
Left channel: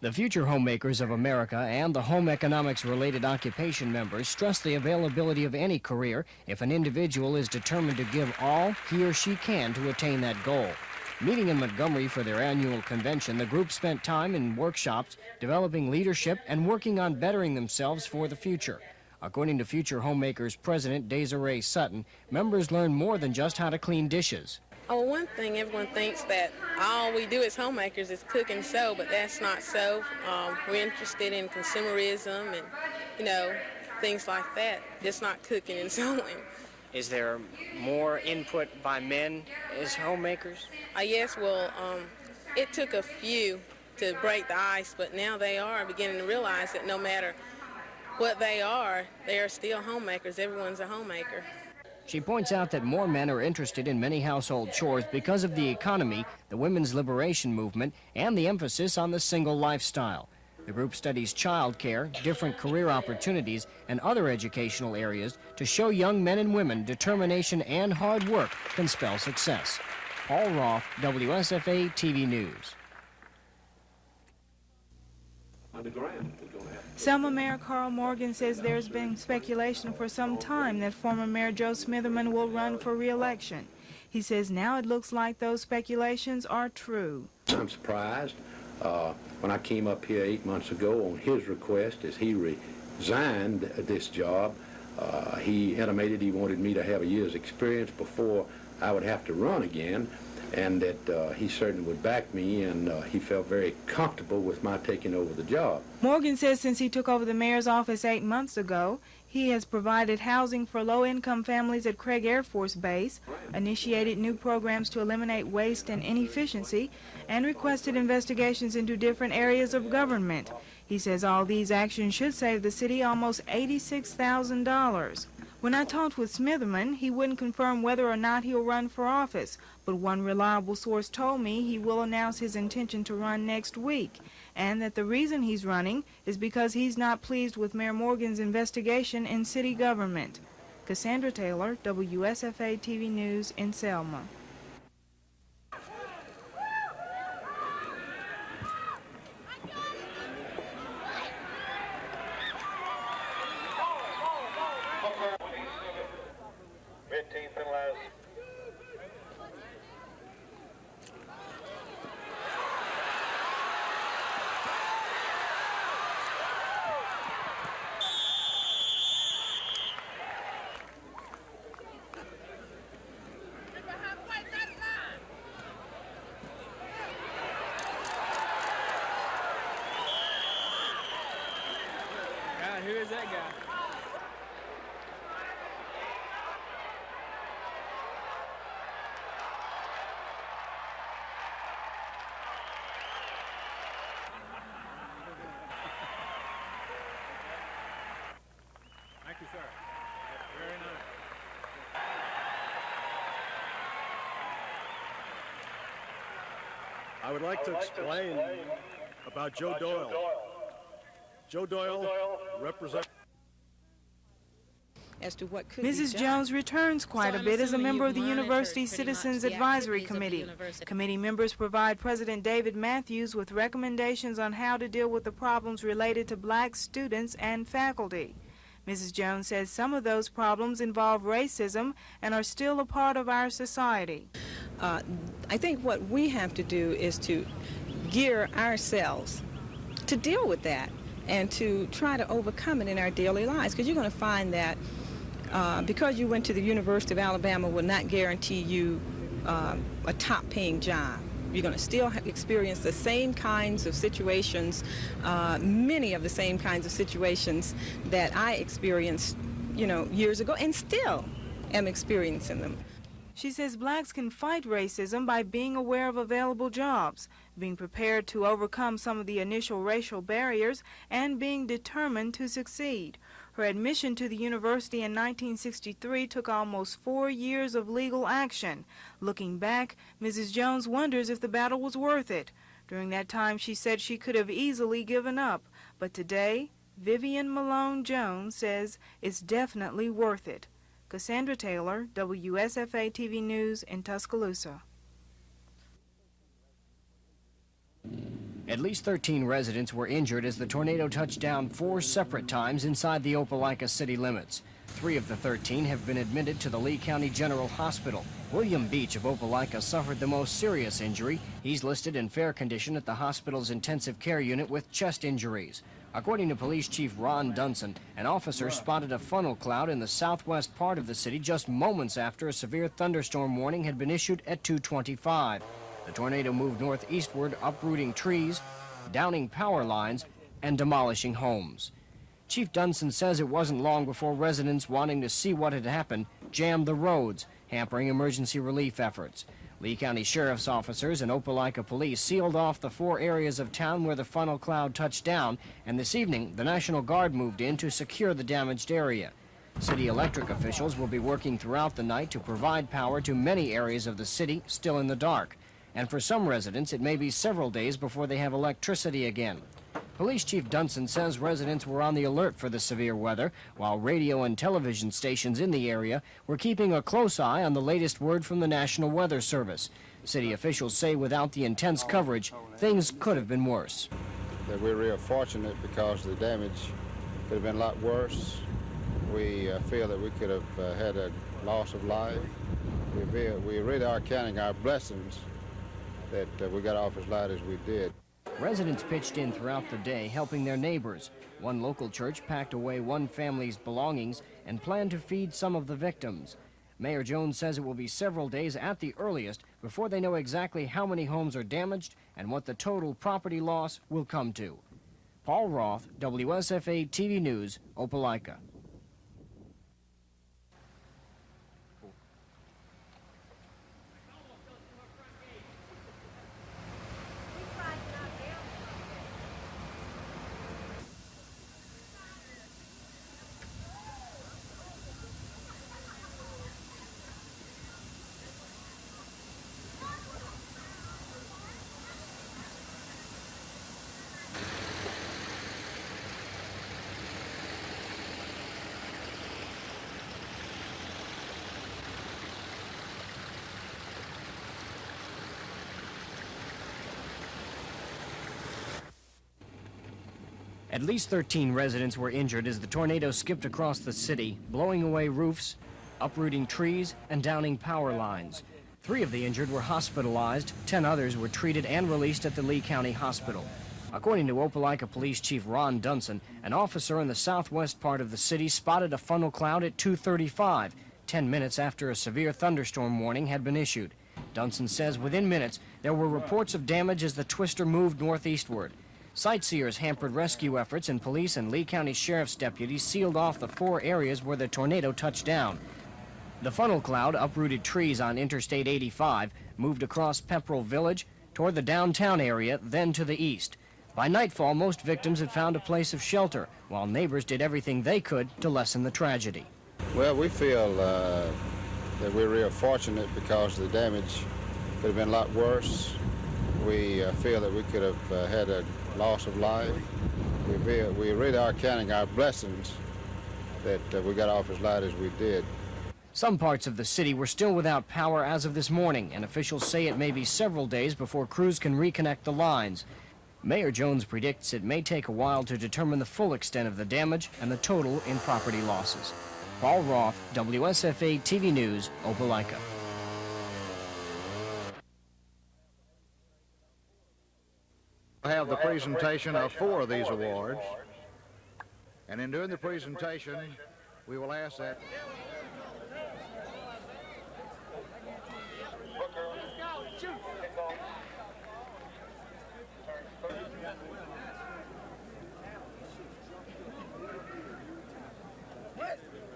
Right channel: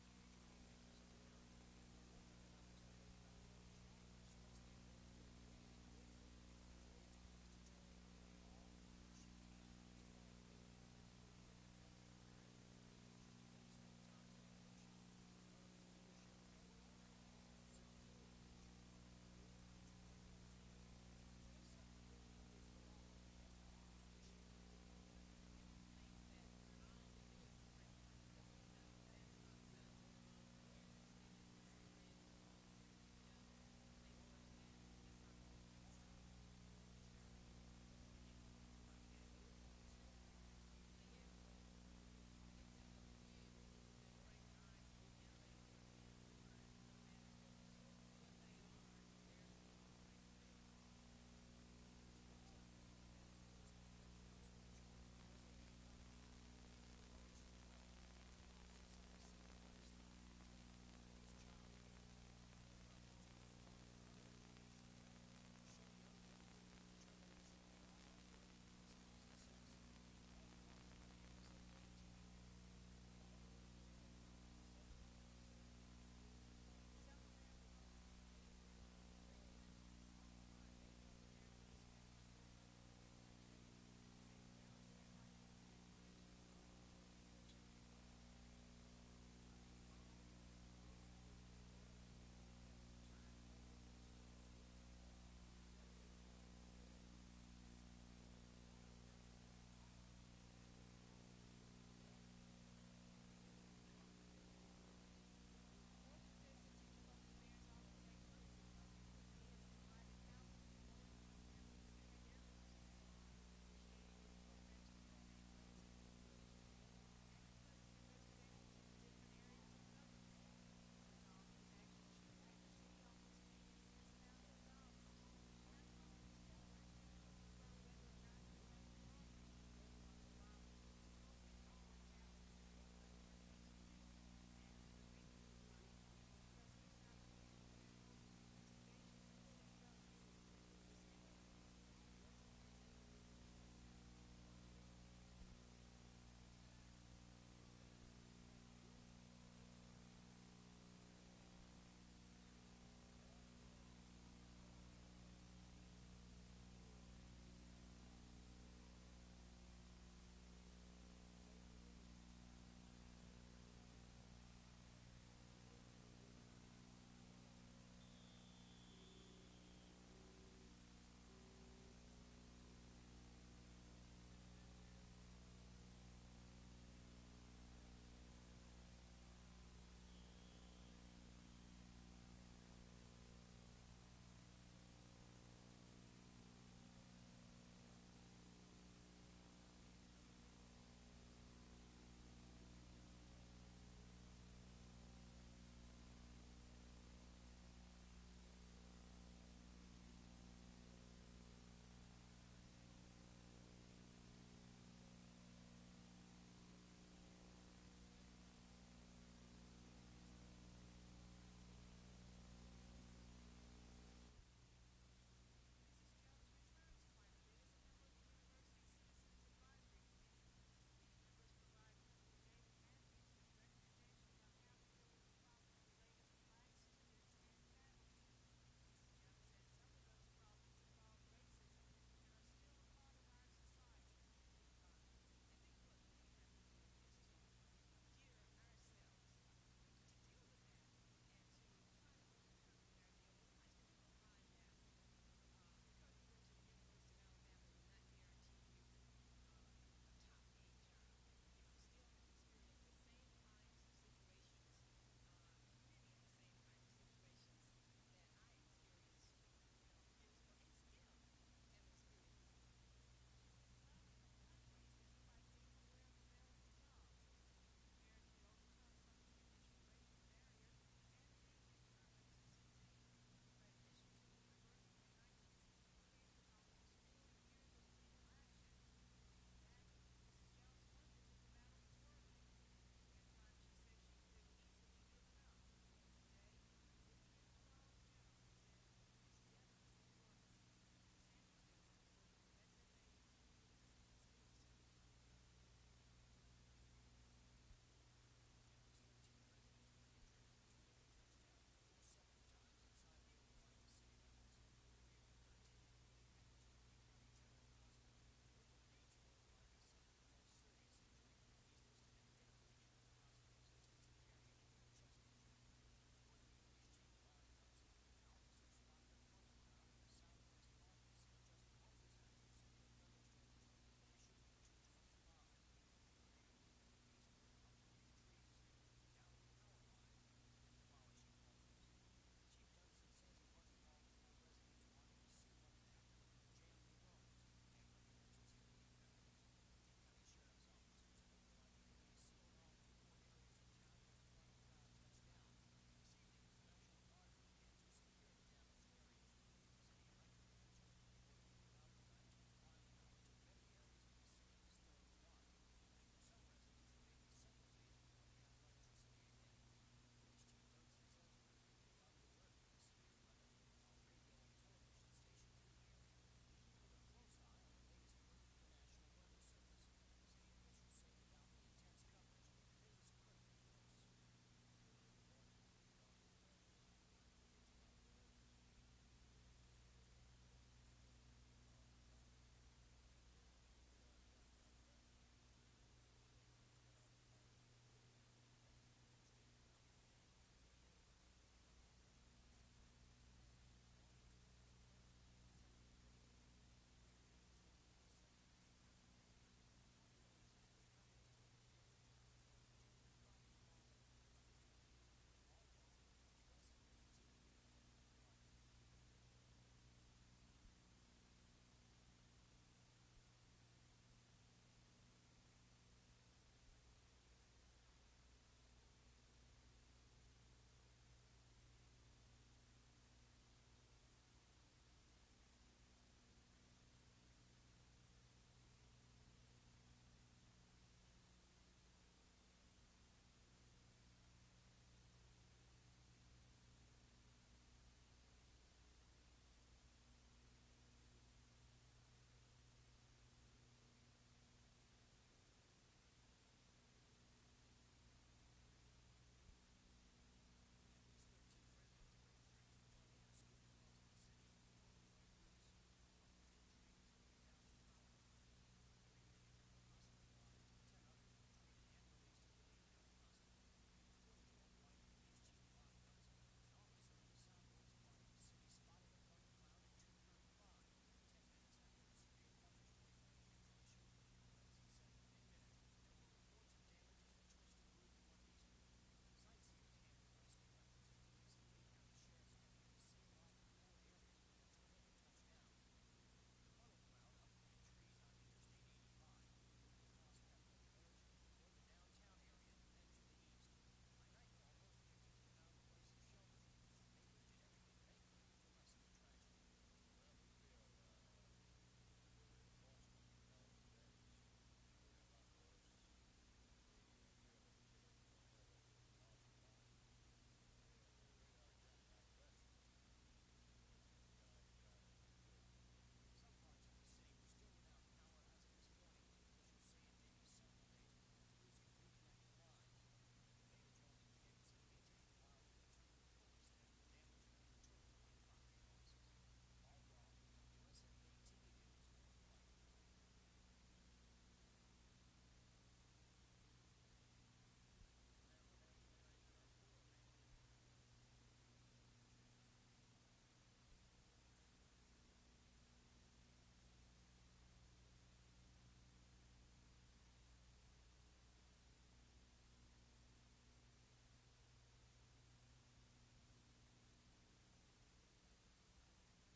The future homemakers of America and the home economics-related occupation members stress the availability of any career if an individual is determined to give all he or she can to attain that goal. Meeting in Montgomery for their annual convention, the group spent time in workshops developing leadership and working on bettering themselves for the future. According to Future Homemakers President Desiree Sutton, members learn more than just how to clean dishes. Oh, one thing, everyone thinks that all we do as homemakers is cook and sew, but that's not so. We're interested in consumerism and, things like that, just not cooking and sewing. Is there more input by men as homemakers? Yes, well, it took a few to break the ice, but now they are beginning to realize that no matter what they are still homemakers. Everyone's a homemaker. She points out that more men are interested in many household chores because of the economy, the women's liberation movement, and the emphasis on the single lifestyle. The group studies child care, different career opportunities, and other educational areas to show young men and women determination and hard work can spell success. Paul Roth, WSFA TV News. Selma Mayor Carl Morgan says there's been speculation for some time that former Mayor Joe Smitherman will run for re-election. He says now it looks like those speculations are true. I'm surprised. When I came up here 8 months ago on his request as he resigned this job, he intimated he wanted me to have a year's experience before I would have to run again, and that he certainly would back me, and he felt very comfortable with my taking over the job. Morgan says since he took over the mayor's office 8 months ago, he has provided housing for low-income families at Craig Air Force Base, initiated new programs to eliminate waste and inefficiency, and requested investigations into different areas of government. He says all these actions should save the city almost $86,000. When I talked with Smitherman, he wouldn't confirm whether or not he'll run for office, but one reliable source told me he will announce his intention to run next week, and that the reason he's running is because he's not pleased with Mayor Morgan's investigation in city government. Cassandra Taylor, WSFA TV News in Selma. I would like to explain about Joe Doyle. Joe Doyle represents... As to what could Mrs. be Jones returns quite a bit as a member of the University Citizens Advisory Committee. Committee members provide President David Matthews with recommendations on how to deal with the problems related to black students and faculty. Mrs. Jones says some of those problems involve racism and are still a part of our society. I think what we have to do is to gear ourselves to deal with that and to try to overcome it in our daily lives, because you're going to find that because you went to the University of Alabama will not guarantee you a top-paying job. You're going to still experience the same kinds of situations, many of the same kinds of situations that I experienced, years ago, and still am experiencing them. She says blacks can fight racism by being aware of available jobs, being prepared to overcome some of the initial racial barriers, and being determined to succeed. Her admission to the university in 1963 took almost 4 years of legal action. Looking back, Mrs. Jones wonders if the battle was worth it. During that time, she said she could have easily given up. But today, Vivian Malone Jones says it's definitely worth it. Cassandra Taylor, WSFA TV News in Tuscaloosa. At least 13 residents were injured as the tornado touched down 4 separate times inside the Opelika city limits. 3 of the 13 have been admitted to the Lee County General Hospital. William Beach of Opelika suffered the most serious injury. He's listed in fair condition at the hospital's intensive care unit with chest injuries. According to Police Chief Ron Dunson, an officer spotted a funnel cloud in the southwest part of the city just moments after a severe thunderstorm warning had been issued at 2:25. The tornado moved northeastward, uprooting trees, downing power lines, and demolishing homes. Chief Dunson says it wasn't long before residents wanting to see what had happened jammed the roads, hampering emergency relief efforts. Lee County Sheriff's officers and Opelika police sealed off the 4 areas of town where the funnel cloud touched down, and this evening the National Guard moved in to secure the damaged area. City electric officials will be working throughout the night to provide power to many areas of the city still in the dark. And for some residents, it may be several days before they have electricity again. Police Chief Dunson says residents were on the alert for the severe weather, while radio and television stations in the area were keeping a close eye on the latest word from the National Weather Service. City officials say without the intense coverage, things could have been worse. That we're real fortunate because the damage could have been a lot worse. We feel that we could have had a loss of life. We really are counting our blessings that we got off as light as we did. Residents pitched in throughout the day, helping their neighbors. One local church packed away one family's belongings and planned to feed some of the victims. Mayor Jones says it will be several days at the earliest before they know exactly how many homes are damaged and what the total property loss will come to. Paul Roth, WSFA TV News, Opelika. At least 13 residents were injured as the tornado skipped across the city, blowing away roofs, uprooting trees, and downing power lines. 3 of the injured were hospitalized. 10 others were treated and released at the Lee County Hospital. According to Opelika Police Chief Ron Dunson, an officer in the southwest part of the city spotted a funnel cloud at 2:35, 10 minutes after a severe thunderstorm warning had been issued. Dunson says within minutes there were reports of damage as the twister moved northeastward. Sightseers hampered rescue efforts, and police and Lee County Sheriff's deputies sealed off the 4 areas where the tornado touched down. The funnel cloud uprooted trees on Interstate 85, moved across Pepperell Village, toward the downtown area, then to the east. By nightfall, most victims had found a place of shelter, while neighbors did everything they could to lessen the tragedy. Well, we feel that we're real fortunate because the damage could have been a lot worse. we feel that we could have had a loss of life. We really are counting our blessings that we got off as light as we did. Some parts of the city were still without power as of this morning, and officials say it may be several days before crews can reconnect the lines. Mayor Jones predicts it may take a while to determine the full extent of the damage and the total in property losses. Paul Roth, WSFA TV News, Opelika. We'll have the presentation of 4 of these awards, and in doing the presentation, we will ask that...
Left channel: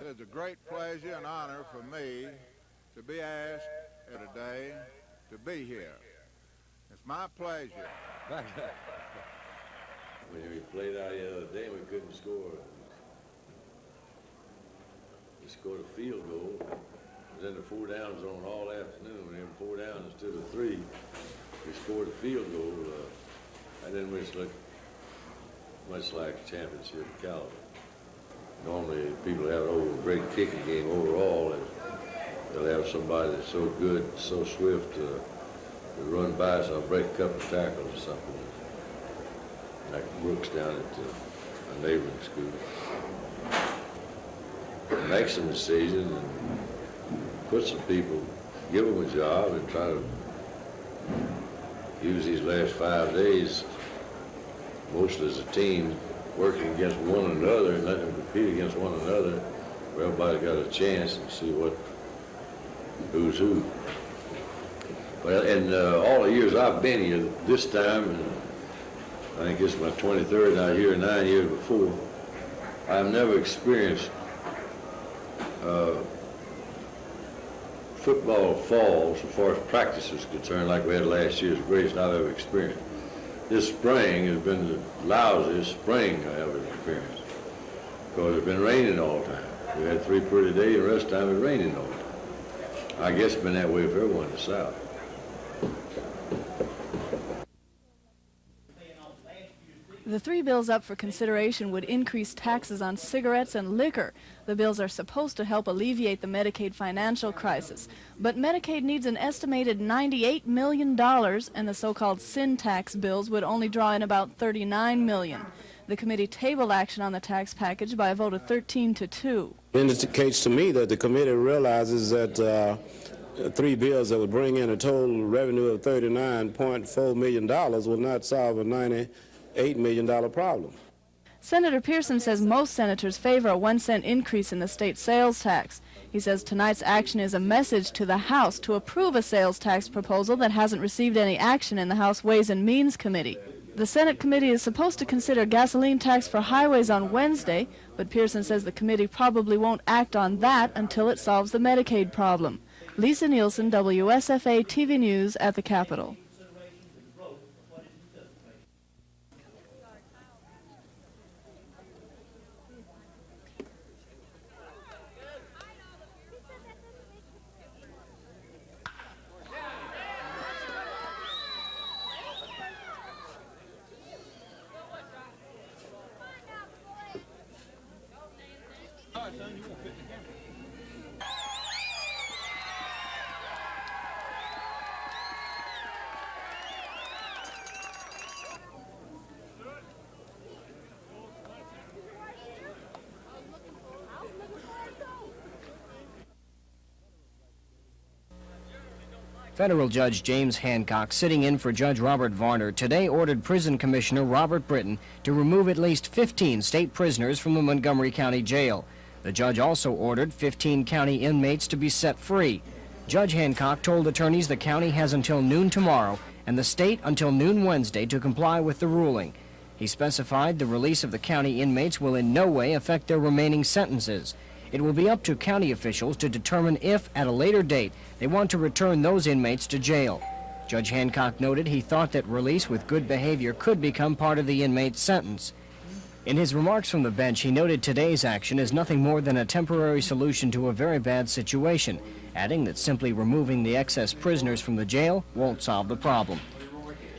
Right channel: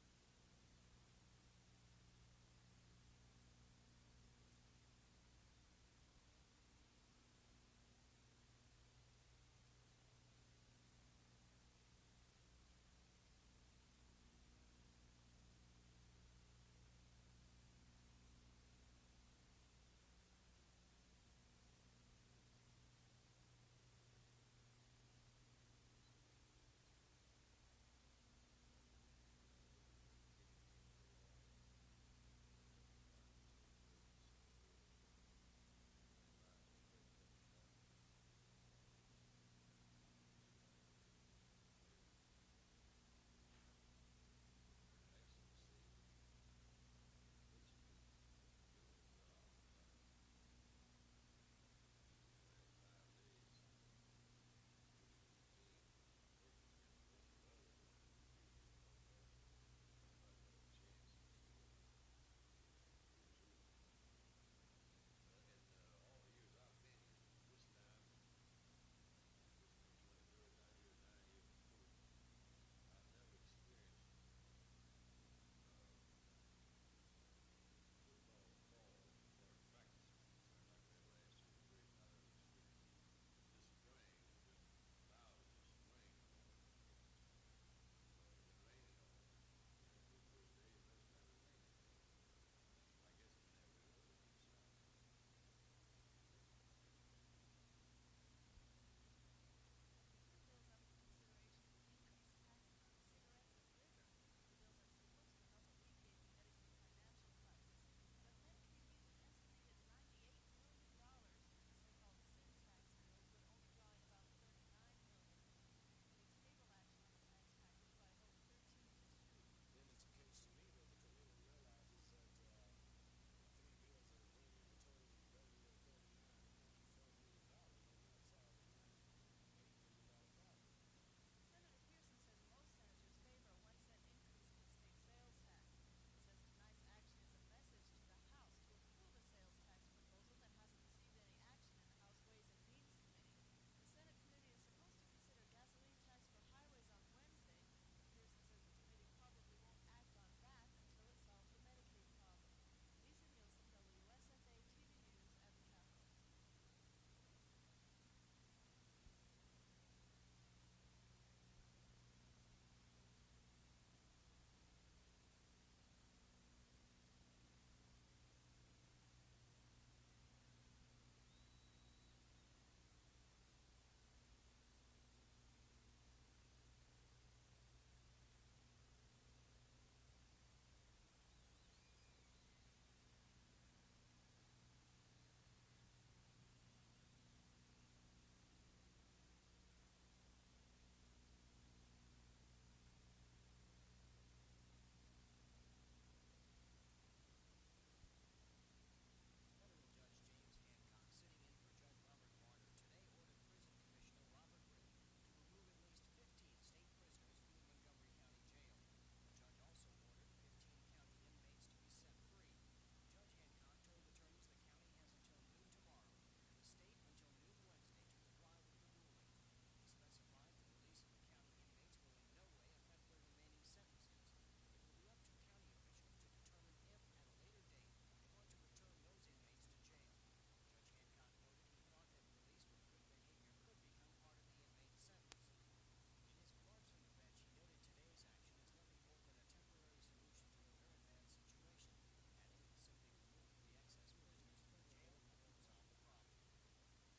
It is a great pleasure and honor for me to be asked today to be here. It's my pleasure. When we played out the other day, we couldn't score. We scored a field goal. It was in the 4-down zone all afternoon. We had 4 down instead of 3. We scored a field goal, and then we looked much like a championship caliber. Normally, people have a great kicking game overall, and they'll have somebody that's so good, so swift to run by, so I'll break a couple of tackles or something. Like Brooks down at a neighboring school. Make some decisions and put some people, give them a job and try to use these last 5 days, mostly as a team, working against one another and letting them compete against one another, where everybody's got a chance and see who's who. Well, in all the years I've been here, this time, and I think it's my 23rd now here, 9 years before, I've never experienced football fall, so far as practice is concerned, like we had last year's greatest I've ever experienced. This spring has been the lousiest spring I ever experienced, because it's been raining all the time. We had 3 pretty days, and the rest of the time it's raining all the time. I guess it's been that way for everyone in the South. The 3 bills up for consideration would increase taxes on cigarettes and liquor. The bills are supposed to help alleviate the Medicaid financial crisis. But Medicaid needs an estimated $98 million, and the so-called sin tax bills would only draw in about $39 million. The committee tabled action on the tax package by a vote of 13-2. It indicates to me that the committee realizes that 3 bills that would bring in a total revenue of $39.4 million will not solve a $98 million problem. Senator Pearson says most senators favor a 1-cent increase in the state sales tax. He says tonight's action is a message to the House to approve a sales tax proposal that hasn't received any action in the House Ways and Means Committee. The Senate committee is supposed to consider gasoline tax for highways on Wednesday, but Pearson says the committee probably won't act on that until it solves the Medicaid problem. Lisa Nielsen, WSFA TV News at the Capitol. Federal Judge James Hancock, sitting in for Judge Robert Varner, today ordered Prison Commissioner Robert Britton to remove at least 15 state prisoners from the Montgomery County Jail. The judge also ordered 15 county inmates to be set free. Judge Hancock told attorneys the county has until noon tomorrow and the state until noon Wednesday to comply with the ruling. He specified the release of the county inmates will in no way affect their remaining sentences. It will be up to county officials to determine if, at a later date, they want to return those inmates to jail. Judge Hancock noted he thought that release with good behavior could become part of the inmate's sentence. In his remarks from the bench, he noted today's action is nothing more than a temporary solution to a very bad situation, adding that simply removing the excess prisoners from the jail won't solve the problem.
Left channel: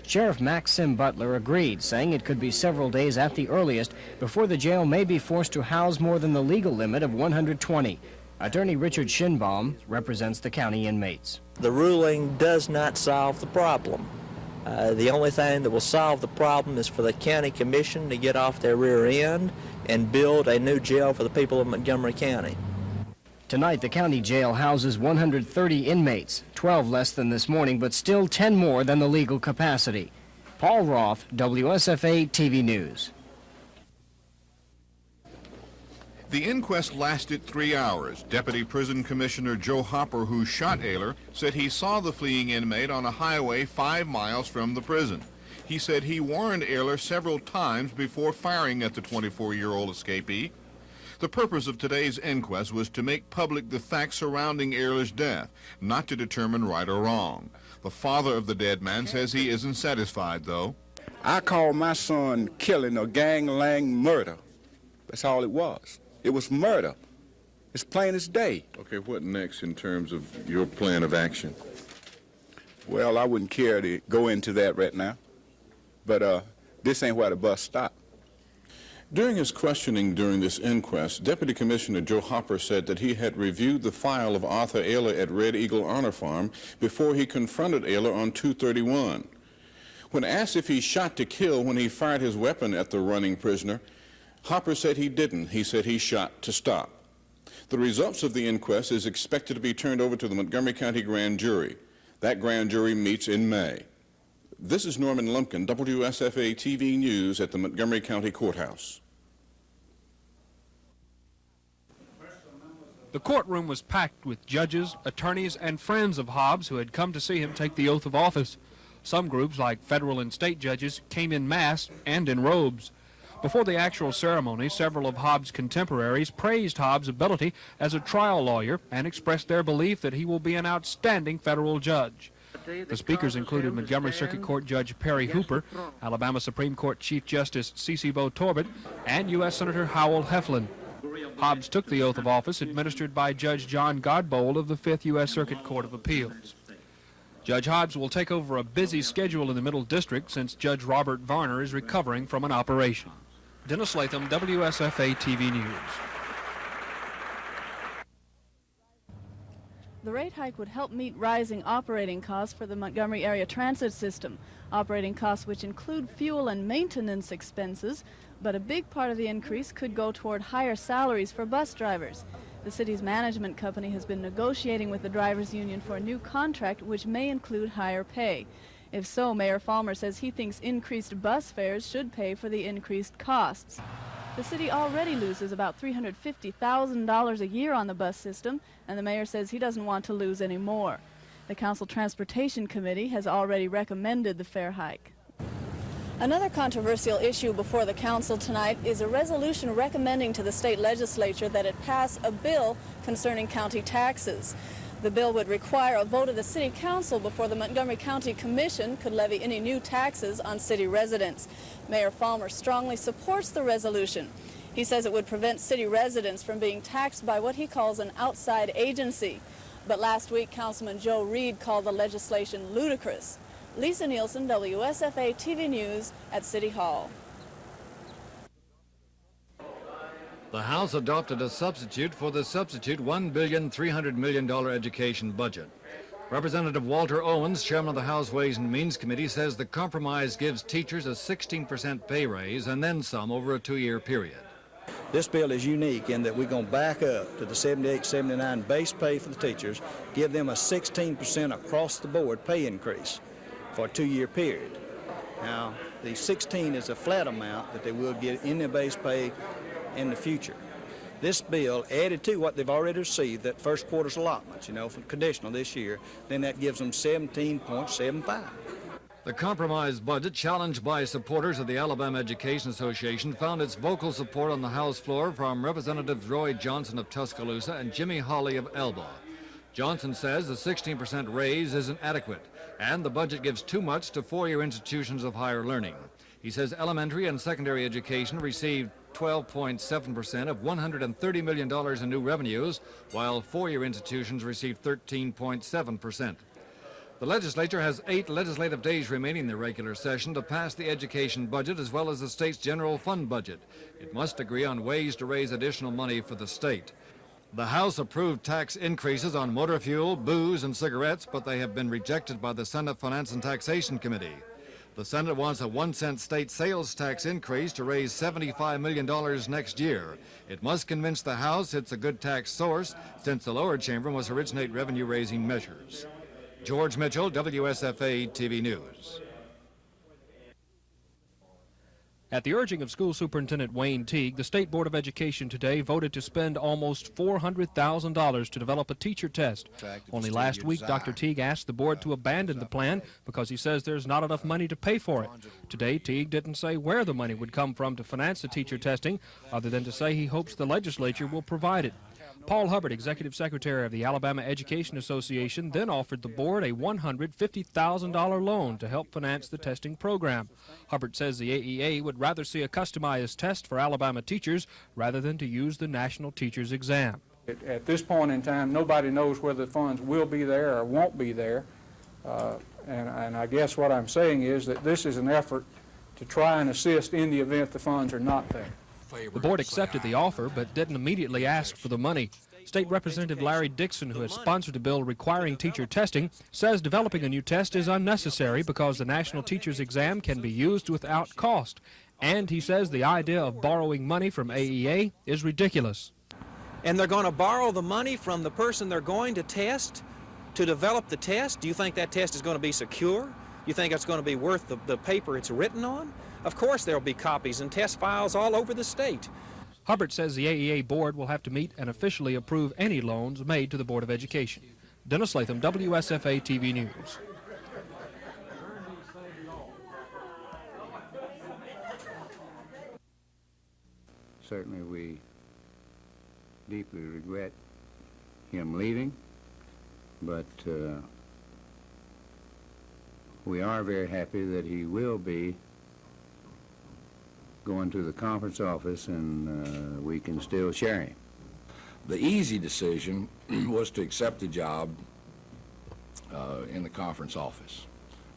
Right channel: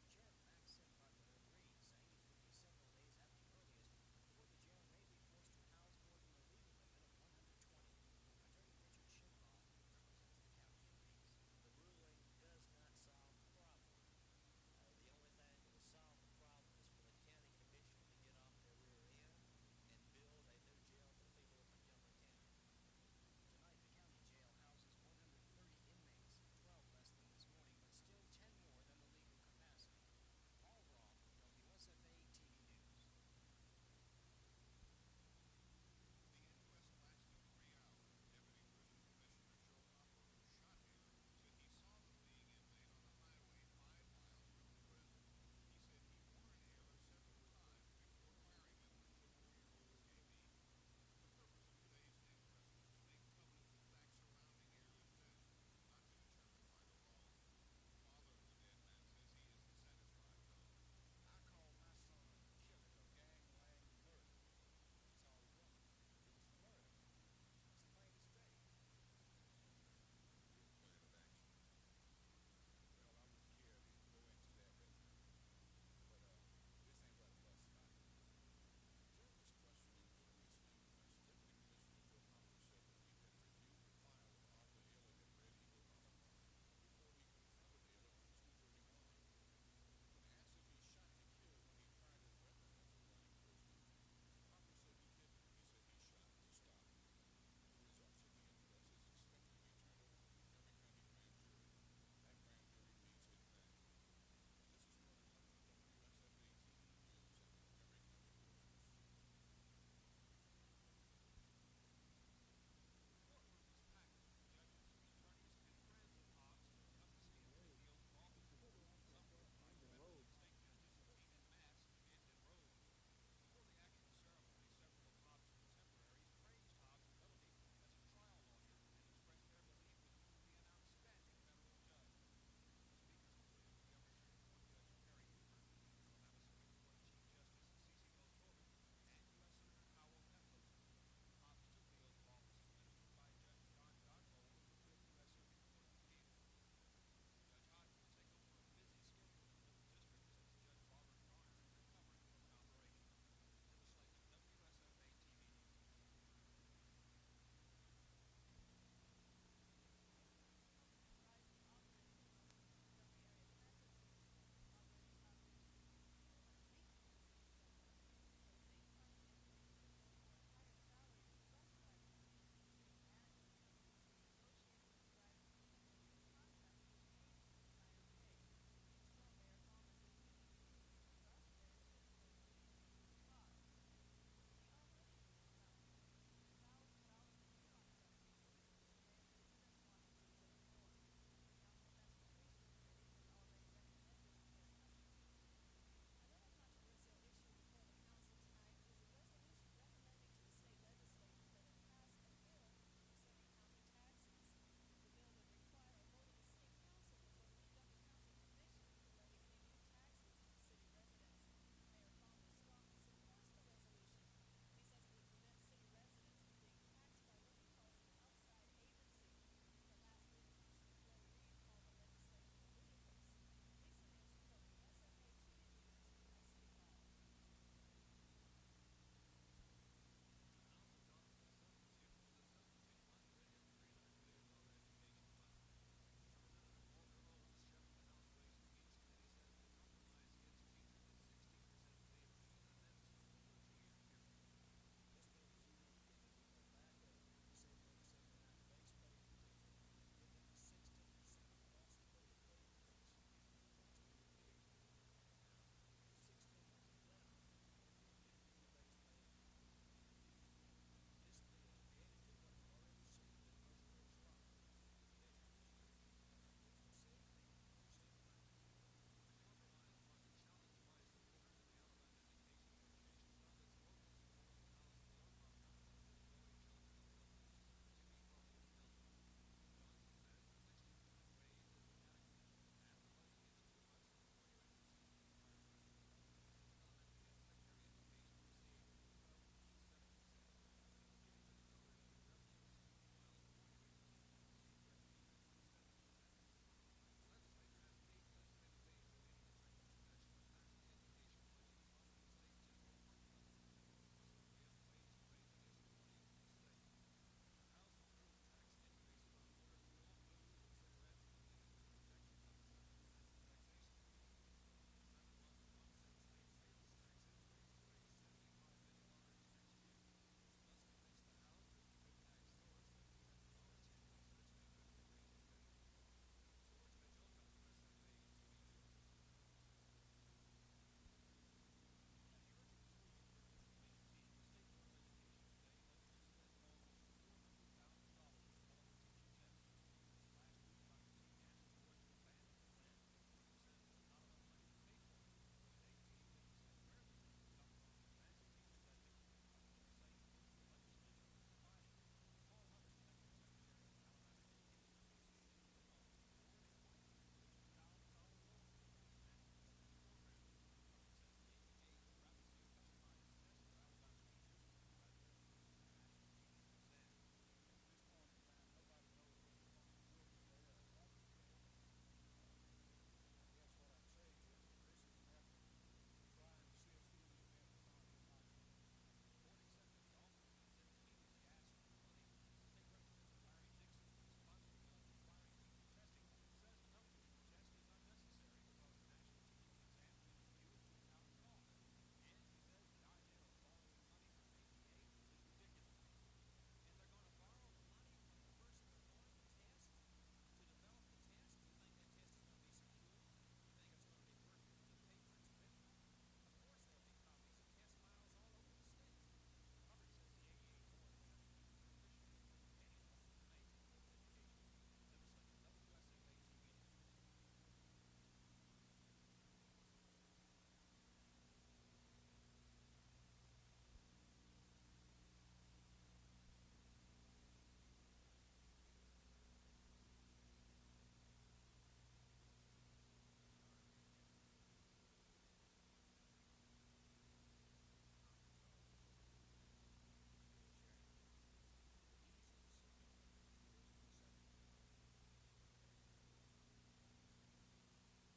Sheriff Maxim Butler agreed, saying it could be several days at the earliest before the jail may be forced to house more than the legal limit of 120. Attorney Richard Shinbaum represents the county inmates. The ruling does not solve the problem. The only thing that will solve the problem is for the county commission to get off their rear end and build a new jail for the people of Montgomery County. Tonight, the county jail houses 130 inmates, 12 less than this morning, but still 10 more than the legal capacity. Paul Roth, WSFA TV News. The inquest lasted 3 hours. Deputy Prison Commissioner Joe Hopper, who shot Ayler, said he saw the fleeing inmate on a highway 5 miles from the prison. He said he warned Ayler several times before firing at the 24-year-old escapee. The purpose of today's inquest was to make public the facts surrounding Ayler's death, not to determine right or wrong. The father of the dead man says he isn't satisfied, though. I call my son killing or gangland murder. That's all it was. It was murder. It's plain as day. Okay, what next in terms of your plan of action? Well, I wouldn't care to go into that right now, but this ain't where the bus stopped. During his questioning during this inquest, Deputy Commissioner Joe Hopper said that he had reviewed the file of Arthur Ayler at Red Eagle Honor Farm before he confronted Ayler on 2/31. When asked if he shot to kill when he fired his weapon at the running prisoner, Hopper said he didn't. He said he shot to stop. The results of the inquest is expected to be turned over to the Montgomery County Grand Jury. That grand jury meets in May. This is Norman Lumpkin, WSFA TV News at the Montgomery County Courthouse. The courtroom was packed with judges, attorneys, and friends of Hobbs who had come to see him take the oath of office. Some groups, like federal and state judges, came in mass and in robes. Before the actual ceremony, several of Hobbs' contemporaries praised Hobbs' ability as a trial lawyer and expressed their belief that he will be an outstanding federal judge. The speakers included Montgomery Circuit Court Judge Perry Hooper, Alabama Supreme Court Chief Justice Cece Bo Torbett, and U.S. Senator Howell Heflin. Hobbs took the oath of office administered by Judge John Godbold of the 5th U.S. Circuit Court of Appeals. Judge Hobbs will take over a busy schedule in the Middle District since Judge Robert Varner is recovering from an operation. Dennis Latham, WSFA TV News. The rate hike would help meet rising operating costs for the Montgomery area transit system, operating costs which include fuel and maintenance expenses, but a big part of the increase could go toward higher salaries for bus drivers. The city's management company has been negotiating with the drivers' union for a new contract which may include higher pay. If so, Mayor Falmer says he thinks increased bus fares should pay for the increased costs. The city already loses about $350,000 a year on the bus system, and the mayor says he doesn't want to lose any more. The Council Transportation Committee has already recommended the fare hike. Another controversial issue before the council tonight is a resolution recommending to the state legislature that it pass a bill concerning county taxes. The bill would require a vote of the city council before the Montgomery County Commission could levy any new taxes on city residents. Mayor Falmer strongly supports the resolution. He says it would prevent city residents from being taxed by what he calls an outside agency. But last week, Councilman Joe Reed called the legislation ludicrous. Lisa Nielsen, WSFA TV News at City Hall. The House adopted a substitute for the substitute $1,300,000,000 education budget. Representative Walter Owens, chairman of the House Ways and Means Committee, says the compromise gives teachers a 16% pay raise and then some over a 2-year period. This bill is unique in that we're going to back up to the 78, 79 base pay for the teachers, give them a 16% across the board pay increase for a 2-year period. Now, the 16 is a flat amount that they will get in their base pay in the future. This bill added to what they've already received, that first quarter's allotments, for conditional this year, then that gives them 17.75. The compromise budget, challenged by supporters of the Alabama Education Association, found its vocal support on the House floor from Representatives Roy Johnson of Tuscaloosa and Jimmy Hawley of Elba. Johnson says the 16% raise isn't adequate, and the budget gives too much to 4-year institutions of higher learning. He says elementary and secondary education received 12.7% of $130 million in new revenues, while 4-year institutions received 13.7%. The legislature has 8 legislative days remaining in the regular session to pass the education budget as well as the state's general fund budget. It must agree on ways to raise additional money for the state. The House approved tax increases on motor fuel, booze, and cigarettes, but they have been rejected by the Senate Finance and Taxation Committee. The Senate wants a 1-cent state sales tax increase to raise $75 million next year. It must convince the House it's a good tax source, since the lower chamber must originate revenue-raising measures. George Mitchell, WSFA TV News. At the urging of School Superintendent Wayne Teague, the State Board of Education today voted to spend almost $400,000 to develop a teacher test. Only last week, Dr. Teague asked the board to abandon the plan because he says there's not enough money to pay for it. Today, Teague didn't say where the money would come from to finance the teacher testing, other than to say he hopes the legislature will provide it. Paul Hubbard, Executive Secretary of the Alabama Education Association, then offered the board a $150,000 loan to help finance the testing program. Hubbard says the AEA would rather see a customized test for Alabama teachers rather than to use the national teachers exam. At this point in time, nobody knows whether the funds will be there or won't be there. And I guess what I'm saying is that this is an effort to try and assist in the event the funds are not there. The board accepted the offer, but didn't immediately ask for the money. State Representative Larry Dixon, who has sponsored a bill requiring teacher testing, says developing a new test is unnecessary because the national teachers exam can be used without cost. And he says the idea of borrowing money from AEA is ridiculous. And they're going to borrow the money from the person they're going to test to develop the test? Do you think that test is going to be secure? You think it's going to be worth the paper it's written on? Of course there will be copies and test files all over the state. Hubbard says the AEA board will have to meet and officially approve any loans made to the Board of Education. Dennis Latham, WSFA TV News. Certainly we deeply regret him leaving, but we are very happy that he will be going to the conference office, and we can still share him. The easy decision was to accept the job in the conference office,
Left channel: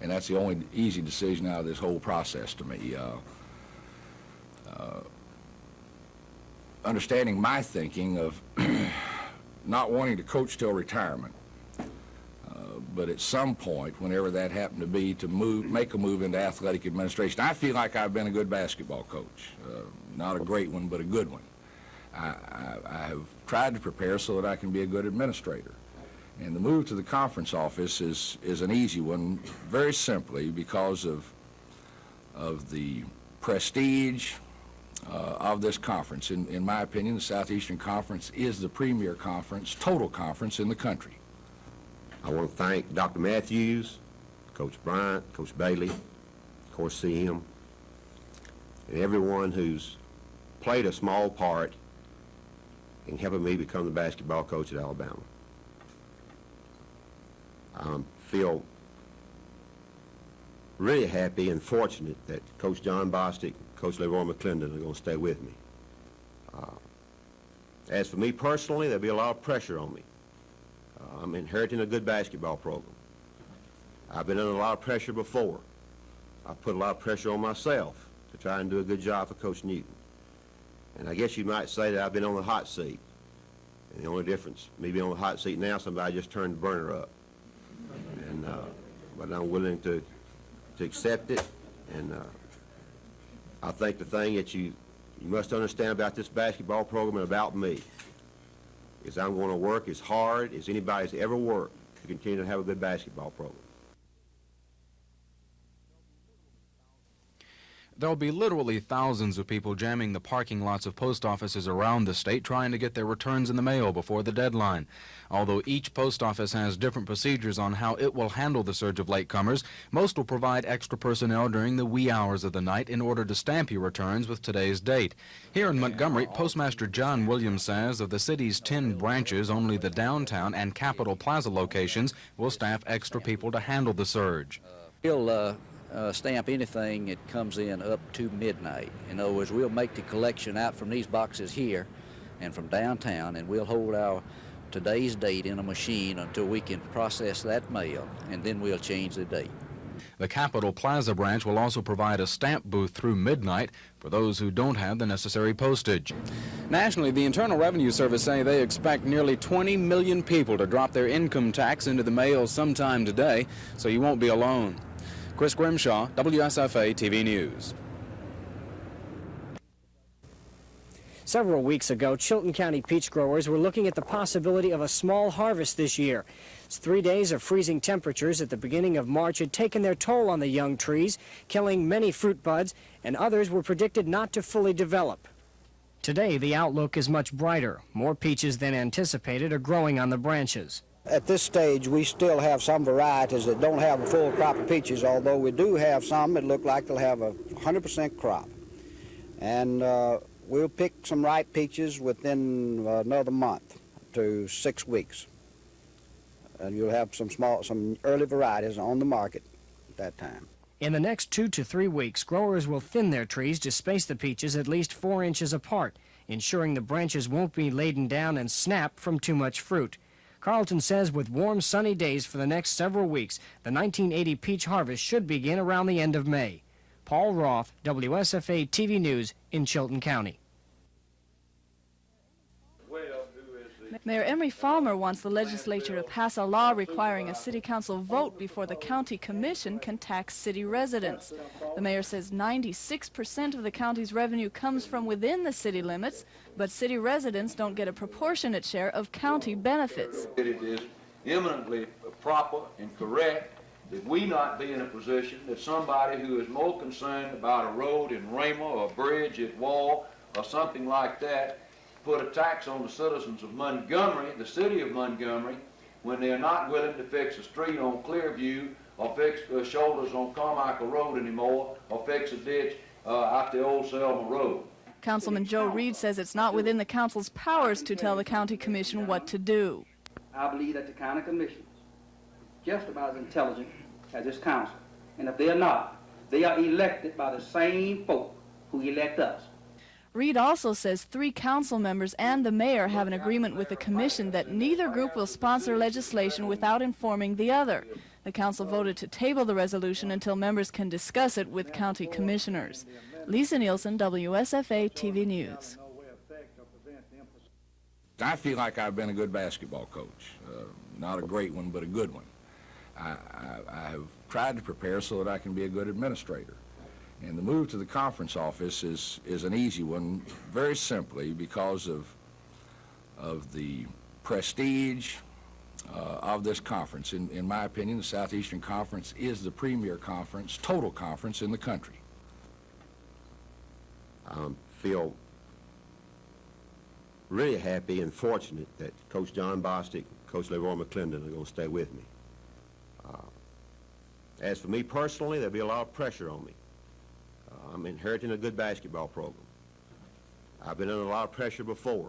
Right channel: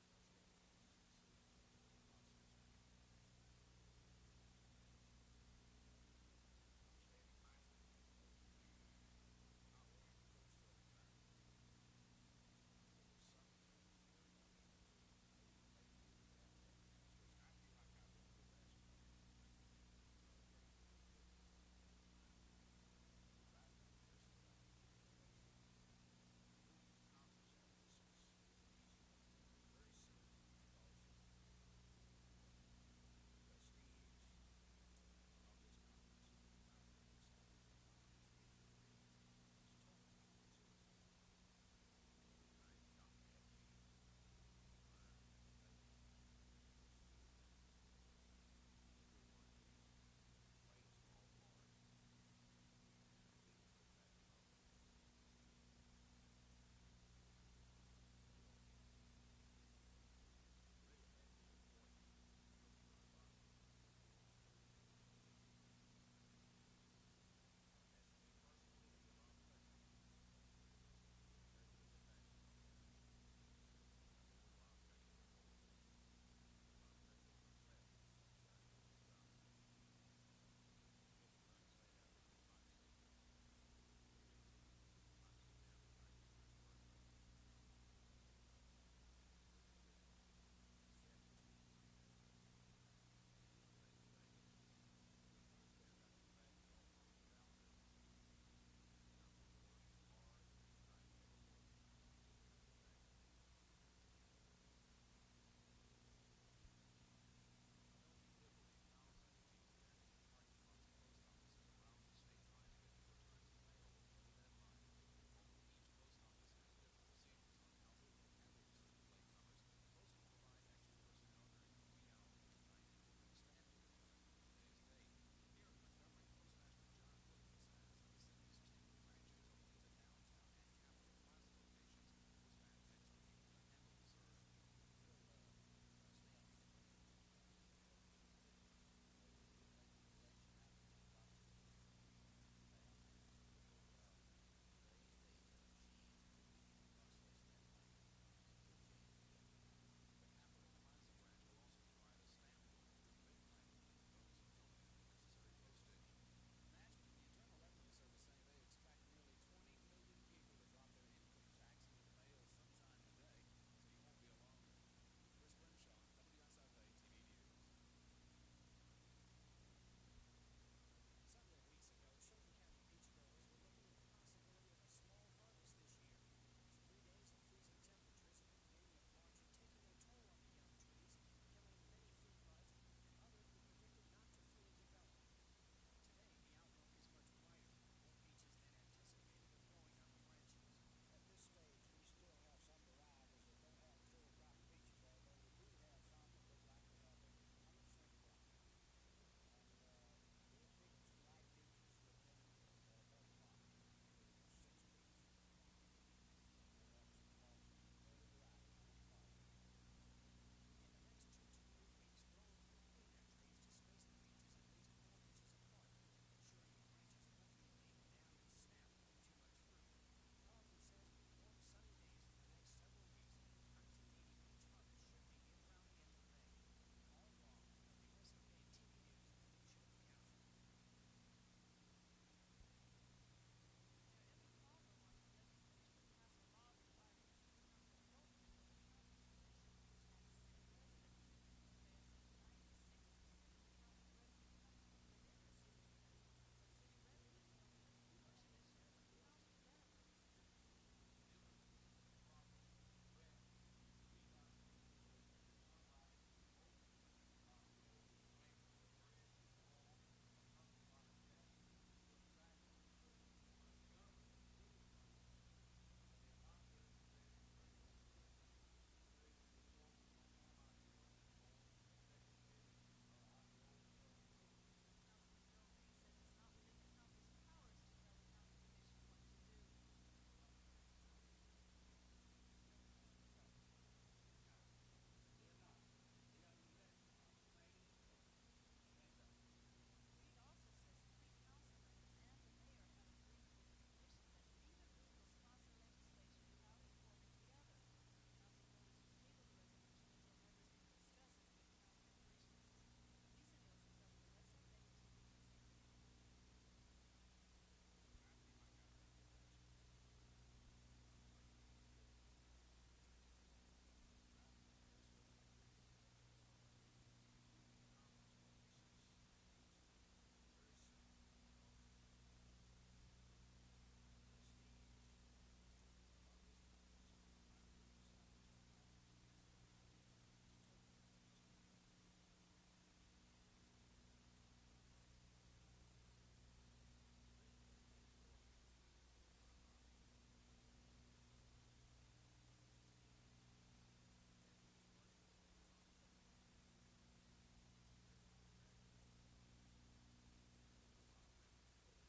and that's the only easy decision out of this whole process to me. Understanding my thinking of not wanting to coach till retirement, but at some point, whenever that happened to be, to make a move into athletic administration. I feel like I've been a good basketball coach. Not a great one, but a good one. I have tried to prepare so that I can be a good administrator. And the move to the conference office is an easy one, very simply because of the prestige of this conference. In my opinion, the Southeastern Conference is the premier conference, total conference in the country. I want to thank Dr. Matthews, Coach Bryant, Coach Bailey, of course CM, and everyone who's played a small part in helping me become the basketball coach at Alabama. I feel really happy and fortunate that Coach John Bostic, Coach Leroy McClendon are going to stay with me. As for me personally, there'll be a lot of pressure on me. I'm inheriting a good basketball program. I've been under a lot of pressure before. I put a lot of pressure on myself to try and do a good job for Coach Newton. And I guess you might say that I've been on the hot seat. And the only difference, me being on the hot seat now, somebody just turned the burner up. And, but I'm willing to accept it. And I think the thing that you must understand about this basketball program and about me is I'm going to work as hard as anybody's ever worked to continue to have a good basketball program. There'll be literally thousands of people jamming the parking lots of post offices around the state trying to get their returns in the mail before the deadline. Although each post office has different procedures on how it will handle the surge of latecomers, most will provide extra personnel during the wee hours of the night in order to stamp your returns with today's date. Here in Montgomery, Postmaster John Williams says of the city's 10 branches, only the downtown and Capitol Plaza locations will staff extra people to handle the surge. We'll stamp anything that comes in up to midnight. In other words, we'll make the collection out from these boxes here and from downtown, and we'll hold our today's date in a machine until we can process that mail, and then we'll change the date. The Capitol Plaza branch will also provide a stamp booth through midnight for those who don't have the necessary postage. Nationally, the Internal Revenue Service say they expect nearly 20 million people to drop their income tax into the mail sometime today, so you won't be alone. Chris Grimshaw, WSFA TV News. Several weeks ago, Chilton County peach growers were looking at the possibility of a small harvest this year. 3 days of freezing temperatures at the beginning of March had taken their toll on the young trees, killing many fruit buds, and others were predicted not to fully develop. Today, the outlook is much brighter. More peaches than anticipated are growing on the branches. At this stage, we still have some varieties that don't have a full crop of peaches, although we do have some that look like they'll have a 100% crop. And we'll pick some ripe peaches within another month to 6 weeks. And you'll have some early varieties on the market at that time. In the next 2 to 3 weeks, growers will thin their trees to space the peaches at least 4 inches apart, ensuring the branches won't be laden down and snap from too much fruit. Carlton says with warm, sunny days for the next several weeks, the 1980 peach harvest should begin around the end of May. Paul Roth, WSFA TV News in Chilton County. Mayor Emery Farmer wants the legislature to pass a law requiring a city council vote before the county commission can tax city residents. The mayor says 96% of the county's revenue comes from within the city limits, but city residents don't get a proportionate share of county benefits. It is eminently proper and correct that we not be in a position that somebody who is more concerned about a road in Rama or a bridge at Wall or something like that put a tax on the citizens of Montgomery, the city of Montgomery, when they're not willing to fix a street on Clearview or fix shoulders on Carmichael Road anymore or fix a ditch out the old Selma Road. Councilman Joe Reed says it's not within the council's powers to tell the county commission what to do. I believe that the county commission is just about as intelligent as this council. And if they're not, they are elected by the same folk who elect us. Reed also says 3 council members and the mayor have an agreement with the commission that neither group will sponsor legislation without informing the other. The council voted to table the resolution until members can discuss it with county commissioners. Lisa Nielsen, WSFA TV News. I feel like I've been a good basketball coach. Not a great one, but a good one. I have tried to prepare so that I can be a good administrator. And the move to the conference office is an easy one, very simply because of the prestige of this conference. In my opinion, the Southeastern Conference is the premier conference, total conference in the country. I feel really happy and fortunate that Coach John Bostic, Coach Leroy McClendon are going to stay with me. As for me personally, there'll be a lot of pressure on me. I'm inheriting a good basketball program. I've been under a lot of pressure before.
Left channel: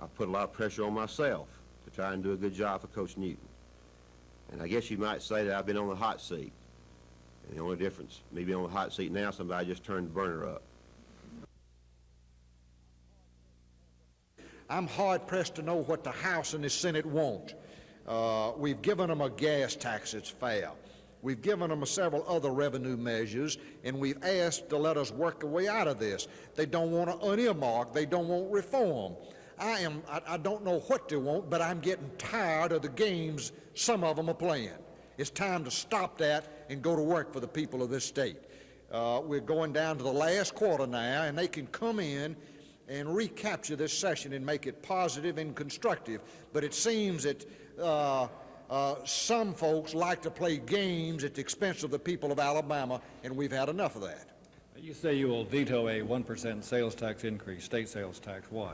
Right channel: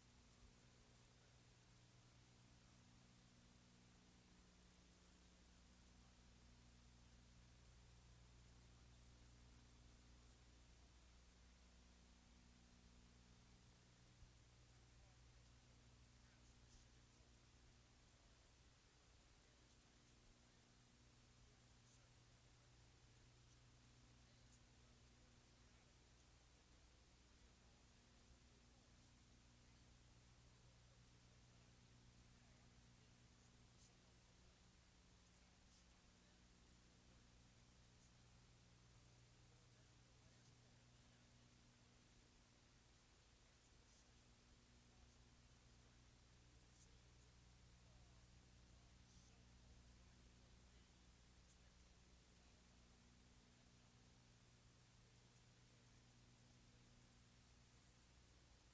I put a lot of pressure on myself to try and do a good job for Coach Newton. And I guess you might say that I've been on the hot seat. And the only difference, me being on the hot seat now, somebody just turned the burner up. I'm hard-pressed to know what the House and the Senate want. We've given them a gas tax that's fair. We've given them several other revenue measures, and we've asked to let us work our way out of this. They don't want to unearmark. They don't want reform. I don't know what they want, but I'm getting tired of the games some of them are playing. It's time to stop that and go to work for the people of this state. We're going down to the last quarter now, and they can come in and recapture this session and make it positive and constructive. But it seems that some folks like to play games at the expense of the people of Alabama, and we've had enough of that. You say you will veto a 1% sales tax increase, state sales tax. Why?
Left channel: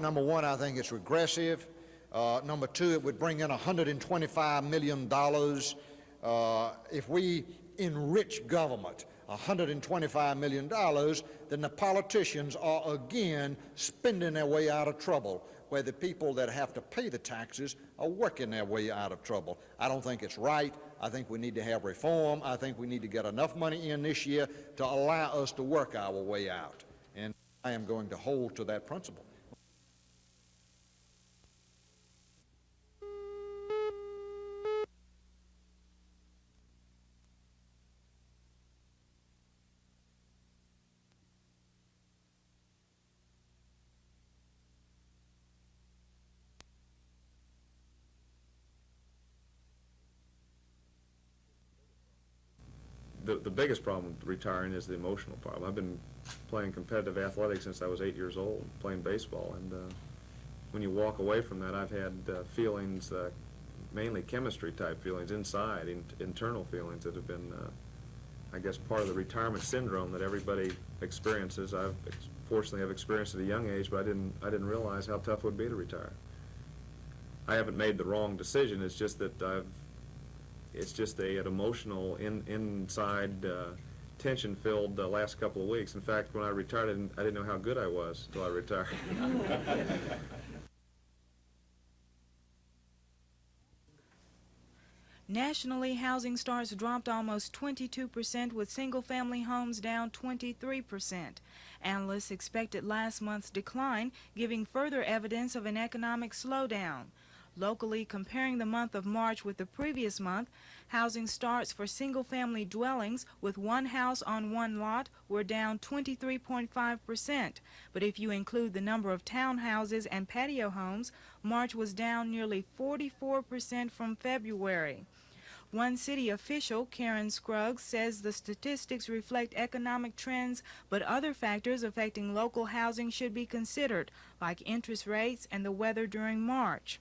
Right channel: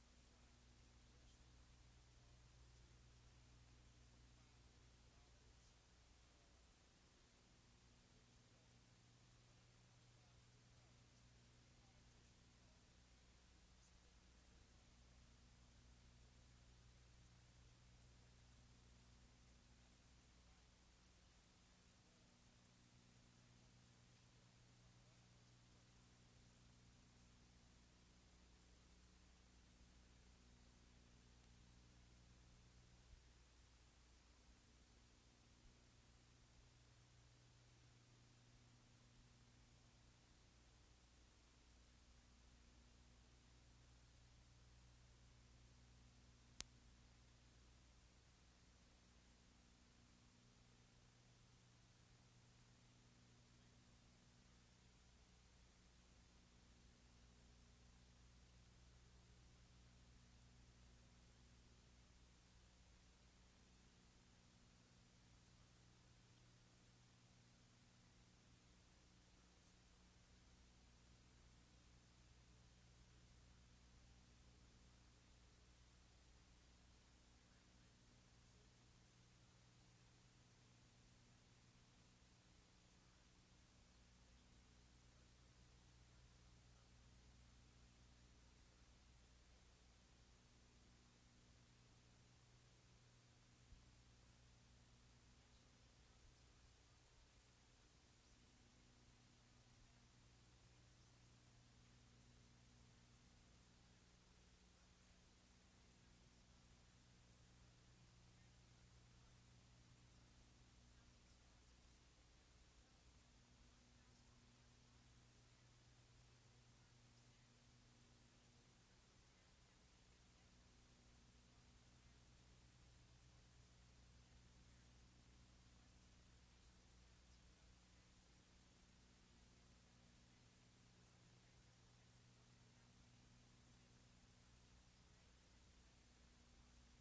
Number one, I think it's regressive. Number two, it would bring in $125 million. If we enrich government $125 million, then the politicians are again spending their way out of trouble, where the people that have to pay the taxes are working their way out of trouble. I don't think it's right. I think we need to have reform. I think we need to get enough money in this year to allow us to work our way out. And I am going to hold to that principle. the biggest problem with retiring is the emotional problem. I've been playing competitive athletics since I was 8 years old, playing baseball, and when you walk away from that, I've had feelings, mainly chemistry-type feelings inside, internal feelings that have been, I guess, part of the retirement syndrome that everybody experiences. Fortunately, I've experienced at a young age, but I didn't realize how tough it would be to retire. I haven't made the wrong decision. It's just that it's just an emotional, inside, tension-filled last couple of weeks. In fact, when I retired, I didn't know how good I was until I retired. Nationally, housing starts dropped almost 22%, with single-family homes down 23%. Analysts expected last month's decline, giving further evidence of an economic slowdown. Locally, comparing the month of March with the previous month, housing starts for single-family dwellings with one house on one lot were down 23.5%. But if you include the number of townhouses and patio homes, March was down nearly 44% from February. One city official, Karen Scruggs, says the statistics reflect economic trends, but other factors affecting local housing should be considered, like interest rates and the weather during March.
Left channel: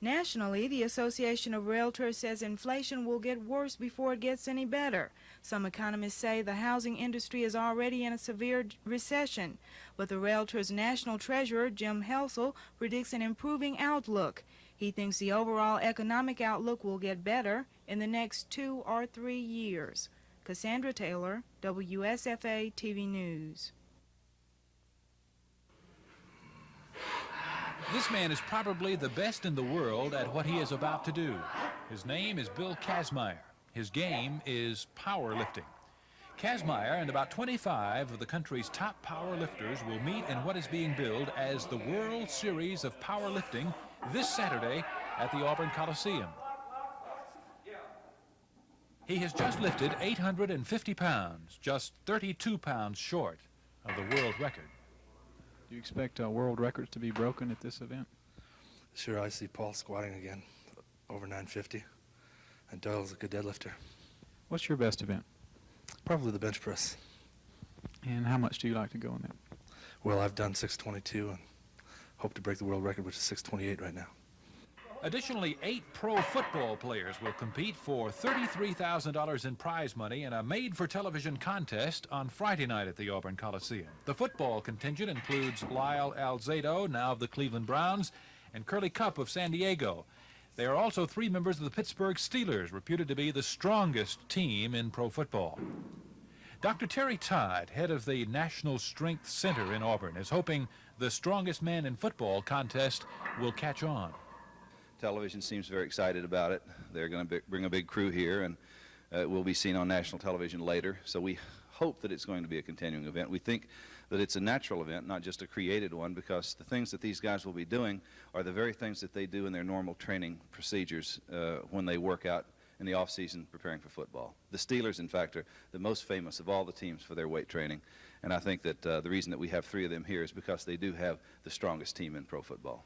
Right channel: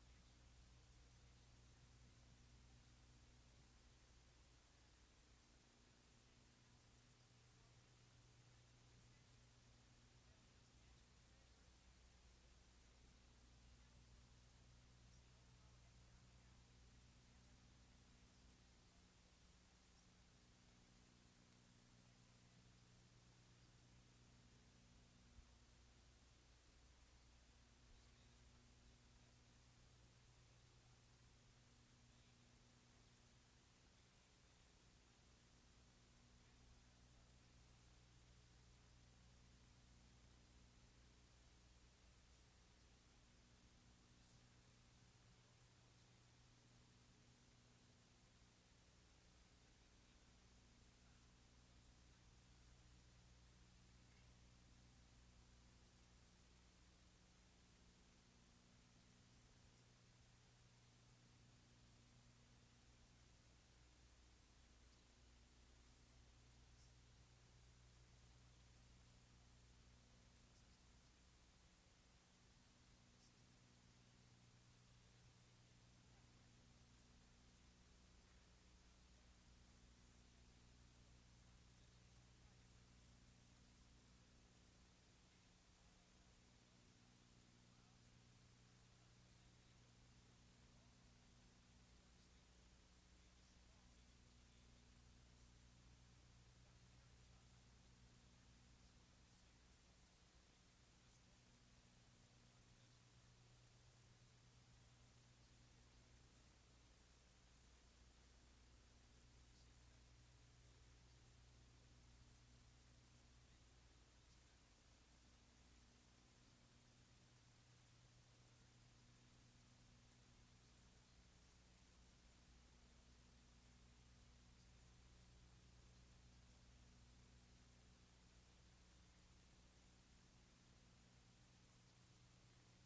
Nationally, the Association of Realtors says inflation will get worse before it gets any better. Some economists say the housing industry is already in a severe recession, but the Realtors' national treasurer, Jim Helsel, predicts an improving outlook. He thinks the overall economic outlook will get better in the next 2 or 3 years. Cassandra Taylor, WSFA TV News. This man is probably the best in the world at what he is about to do. His name is Bill Kazmaier. His game is powerlifting. Kazmaier and about 25 of the country's top powerlifters will meet in what is being billed as the World Series of Powerlifting this Saturday at the Auburn Coliseum. He has just lifted 850 pounds, just 32 pounds short of the world record. Do you expect world records to be broken at this event? Sure, I see Paul squatting again, over 950, and Doyle's a good deadlifter. What's your best event? Probably the bench press. And how much do you like to go in that? Well, I've done 622 and hope to break the world record, which is 628 right now. Additionally, 8 pro football players will compete for $33,000 in prize money in a made-for-television contest on Friday night at the Auburn Coliseum. The football contingent includes Lyle Alzado, now of the Cleveland Browns, and Curly Cup of San Diego. There are also 3 members of the Pittsburgh Steelers, reputed to be the strongest team in pro football. Dr. Terry Todd, head of the National Strength Center in Auburn, is hoping the strongest man in football contest will catch on. Television seems very excited about it. They're going to bring a big crew here, and it will be seen on national television later. So we hope that it's going to be a continuing event. We think that it's a natural event, not just a created one, because the things that these guys will be doing are the very things that they do in their normal training procedures when they work out in the off-season preparing for football. The Steelers, in fact, are the most famous of all the teams for their weight training, and I think that the reason that we have 3 of them here is because they do have the strongest team in pro football.